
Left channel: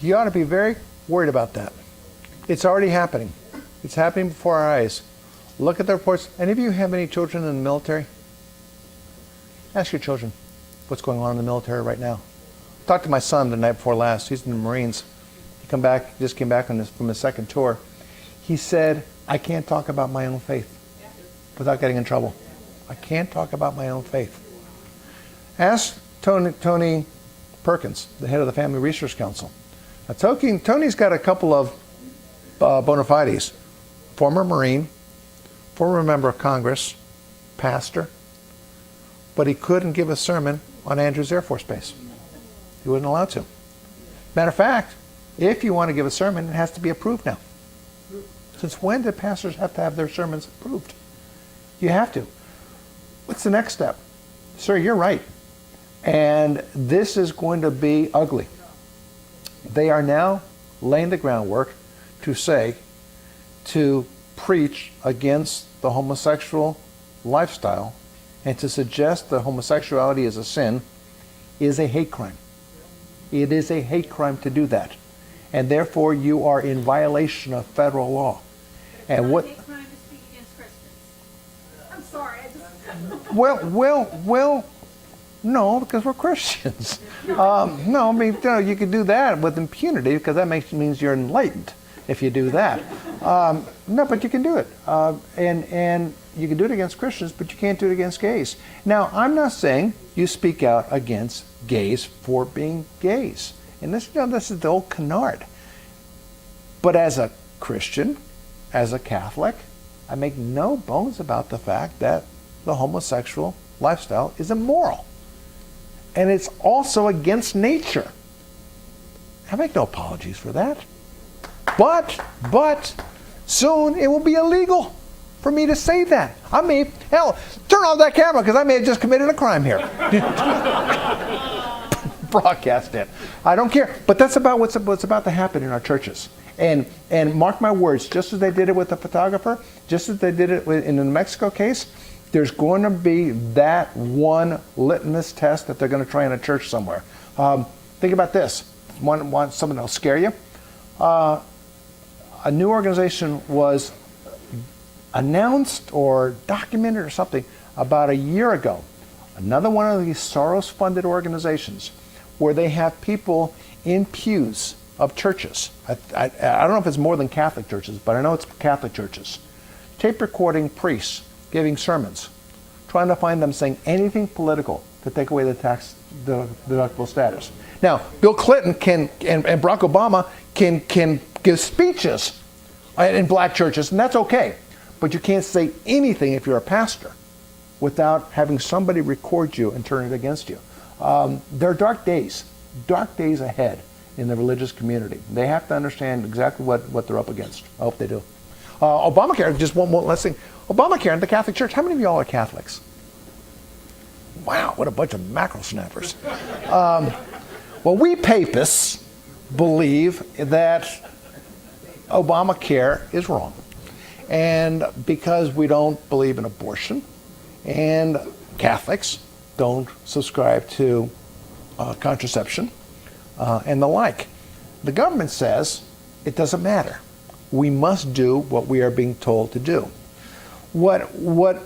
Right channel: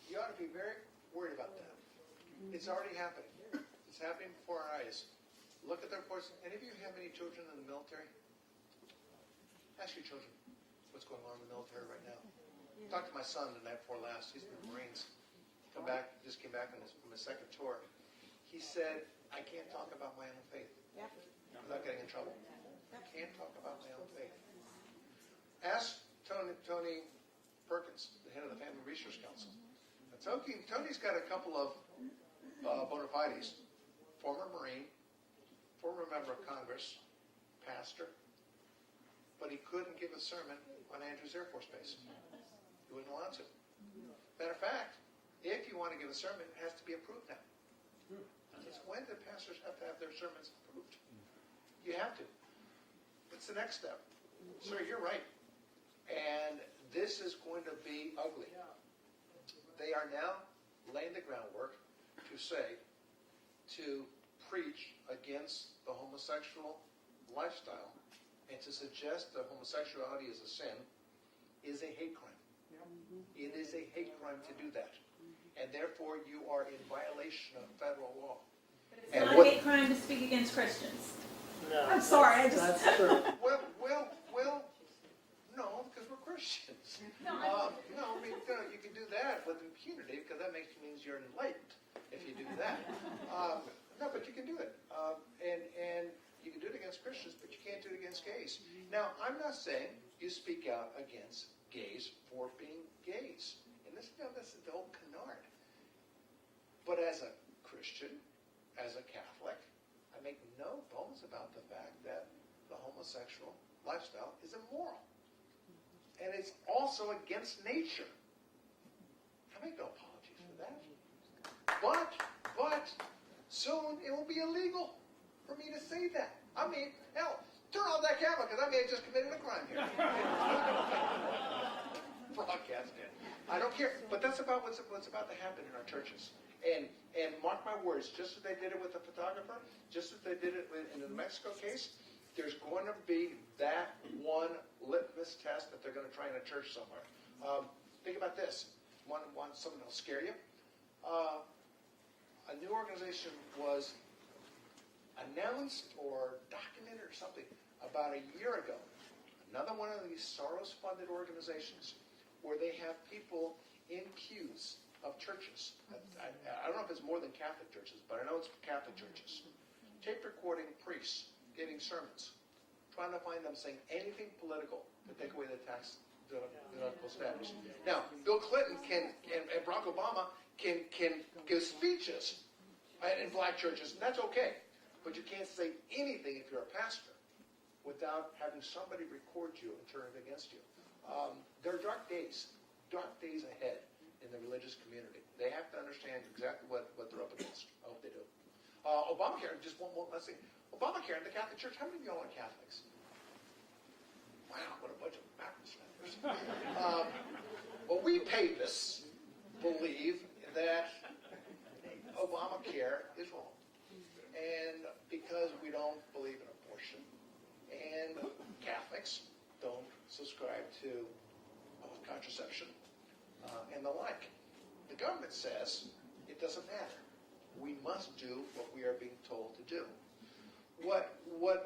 you ought to be very worried about that. It's already happening. It's happening before our eyes. Look at the reports. Any of you have any children in the military? Ask your children what's going on in the military right now. Talked to my son the night before last. He's in the Marines. He just came back from his second tour. He said, I can't talk about my own faith without getting in trouble. I can't talk about my own faith. Ask Tony Perkins, the head of the Family Research Council. Now, Tony's got a couple of bona fides. Former Marine, former member of Congress, pastor, but he couldn't give a sermon on Andrews Air Force Base. He wasn't allowed to. Matter of fact, if you want to give a sermon, it has to be approved now. Since when did pastors have to have their sermons approved? You have to. What's the next step? Sir, you're right. And this is going to be ugly. They are now laying the groundwork to preach against the homosexual lifestyle and to suggest that homosexuality is a sin is a hate crime. It is a hate crime to do that. And therefore you are in violation of federal law. And what? Hate crime to speak against Christians. I'm sorry, I just. Well, no, because we're Christians. No, I mean, you could do that with impunity because that means you're enlightened if you do that. No, but you can do it. And you can do it against Christians, but you can't do it against gays. Now, I'm not saying you speak out against gays for being gays. And this is the old canard. But as a Christian, as a Catholic, I make no bones about the fact that the homosexual lifestyle is immoral. And it's also against nature. I make no apologies for that. But soon it will be illegal for me to say that. I mean, hell, turn off that camera because I may have just committed a crime here. Broadcast it. I don't care. But that's about what's about to happen in our churches. And mark my words, just as they did it with the photographer, just as they did it in the New Mexico case, there's going to be that one litmus test that they're going to try in a church somewhere. Think about this. Want something that'll scare you? A new organization was announced or documented or something about a year ago. Another one of these Soros-funded organizations where they have people in pews of churches. I don't know if it's more than Catholic churches, but I know it's Catholic churches. Tape recording priests giving sermons, trying to find them saying anything political to take away the tax deductible status. Now, Bill Clinton and Barack Obama can give speeches in black churches, and that's okay. But you can't say anything if you're a pastor without having somebody record you and turn it against you. There are dark days ahead in the religious community. They have to understand exactly what they're up against. I hope they do. Obamacare, just one last thing. Obamacare in the Catholic Church, how many of y'all are Catholics? Wow, what a bunch of mackerel snappers. Well, we papists believe that Obamacare is wrong. And because we don't believe in abortion, and Catholics don't subscribe to contraception and the like, the government says it doesn't matter. We must do what we are being told to do. What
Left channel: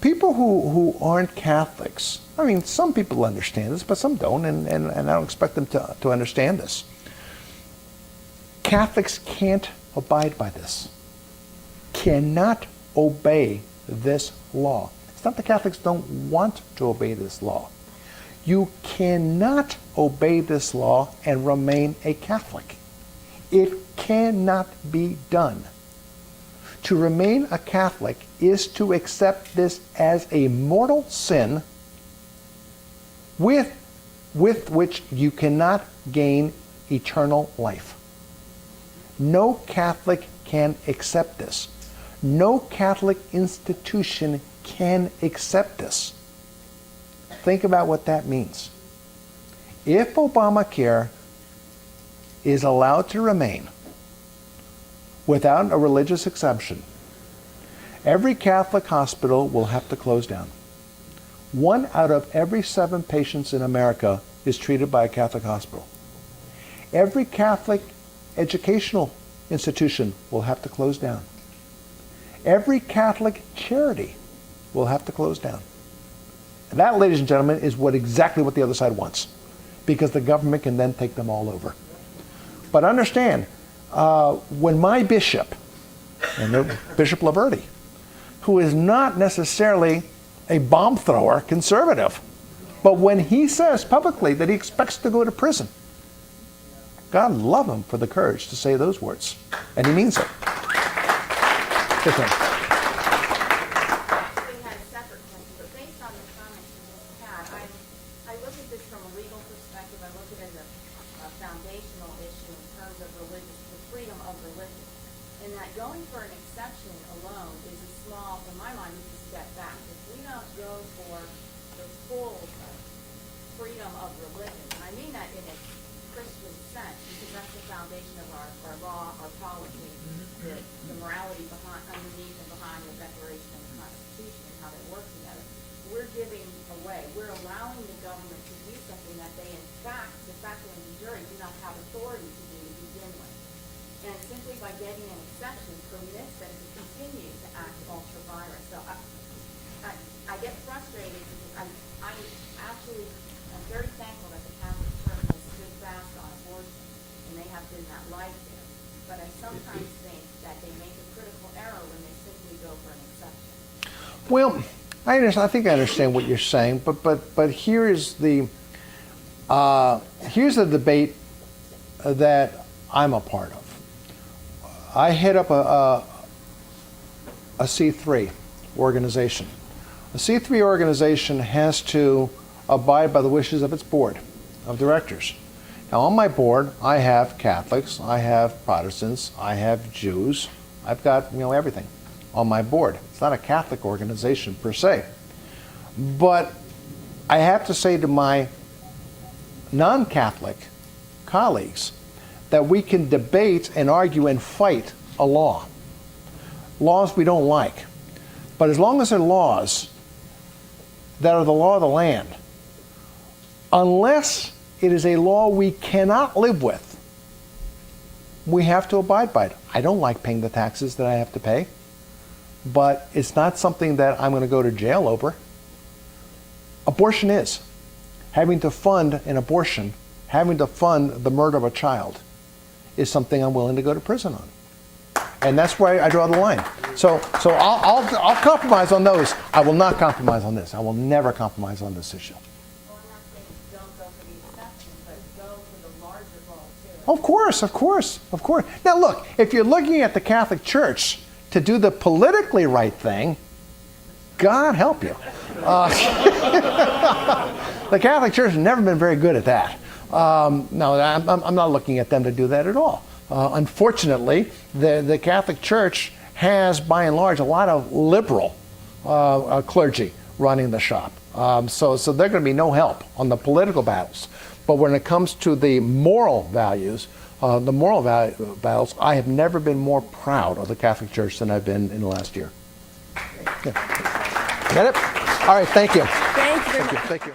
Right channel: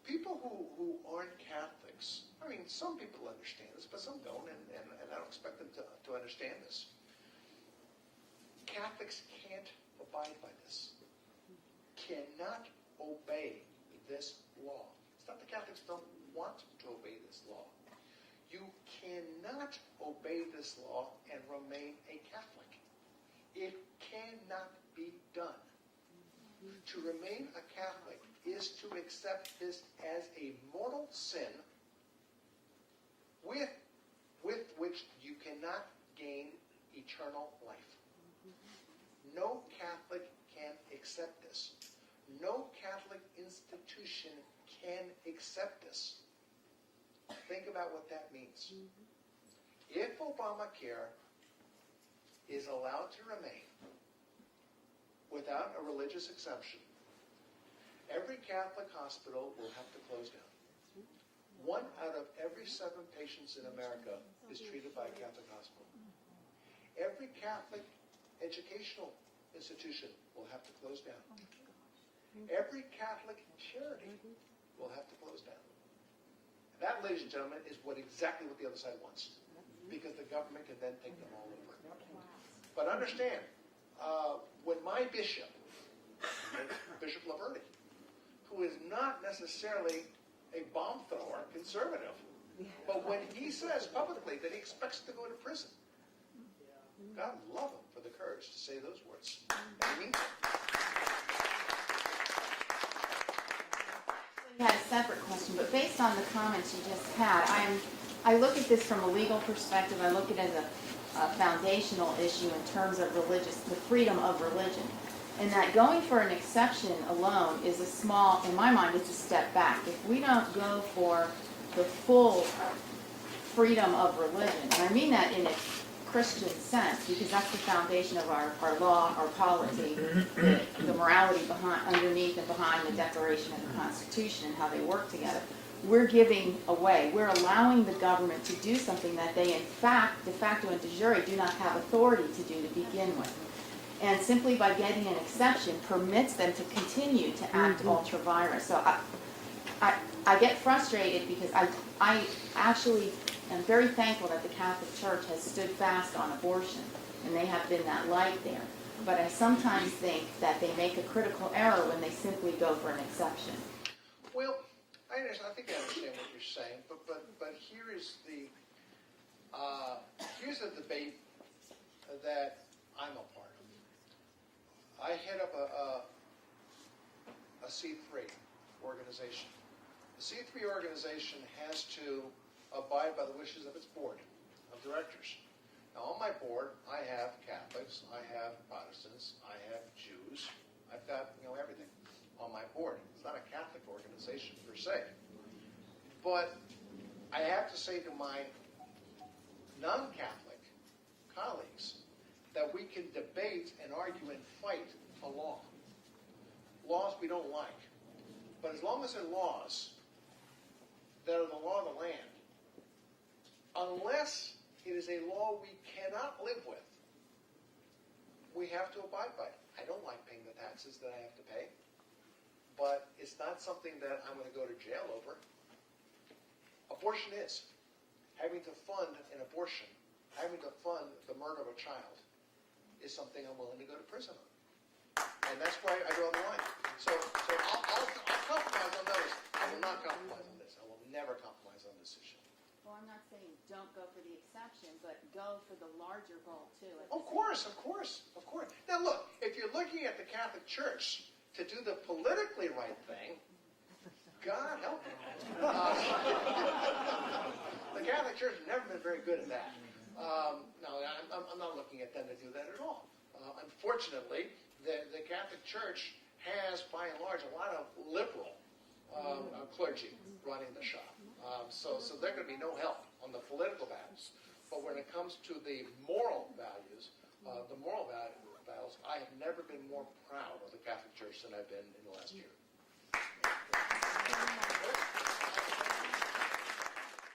people who aren't Catholics, I mean, some people understand this, but some don't, and I don't expect them to understand this. Catholics can't abide by this, cannot obey this law. It's not that Catholics don't want to obey this law. You cannot obey this law and remain a Catholic. It cannot be done. To remain a Catholic is to accept this as a mortal sin with which you cannot gain eternal life. No Catholic can accept this. No Catholic institution can accept this. Think about what that means. If Obamacare is allowed to remain without a religious exemption, every Catholic hospital will have to close down. 1 out of every 7 patients in America is treated by a Catholic hospital. Every Catholic educational institution will have to close down. Every Catholic charity will have to close down. And that, ladies and gentlemen, is exactly what the other side wants, because the government can then take them all over. But understand, when my bishop, and Bishop Laverty, who is not necessarily a bomb thrower conservative, but when he says publicly that he expects to go to prison, God love him for the courage to say those words. And he means it. Yes, ma'am. We had a separate question, but based on the comments you just had, I look at this from a legal perspective. I look at it as a foundational issue in terms of the freedom of religion. And that going for an exception alone is a small, in my mind, it's a step back. If we don't go for the full freedom of religion, and I mean that in its Christian sense, because that's the foundation of our law, our polity, the morality underneath and behind the Declaration and the Constitution and how they work together. We're giving away, we're allowing the government to do something that they in fact, de facto and de jure, do not have authority to do to begin with. And simply by getting an exception permits them to continue to act ultra vires. So I get frustrated because I actually am very thankful that the Catholic Church has stood fast on abortion, and they have been that light there. But I sometimes think that they make a critical error when they simply go for an exception. Well, I think I understand what you're saying, but here's the debate that I'm a part of. I head up a C3 organization. A C3 organization has to abide by the wishes of its board of directors. Now, on my board, I have Catholics, I have Protestants, I have Jews. I've got, everything on my board. It's not a Catholic organization per se. But I have to say to my non-Catholic colleagues that we can debate and argue and fight a law. Laws we don't like. But as long as they're laws that are the law of the land, unless it is a law we cannot live with, we have to abide by it. I don't like paying the taxes that I have to pay, but it's not something that I'm going to go to jail over. Abortion is. Having to fund an abortion, having to fund the murder of a child, is something I'm willing to go to prison on. And that's where I draw the line. So I'll compromise on those. I will not compromise on this. I will never compromise on this issue. Well, I'm not saying don't go for the exception, but go for the larger goal, too. Of course. Now look, if you're looking at the Catholic Church to do the politically right thing, God help you. The Catholic Church has never been very good at that. No, I'm not looking at them to do that at all. Unfortunately, the Catholic Church has, by and large, a lot of liberal clergy running the shop. So they're going to be no help on the political battles. But when it comes to the moral values, battles, I have never been more proud of the Catholic Church than I've been in the last year. Yeah. Got it? All right, thank you. Thank you very much. Thank you.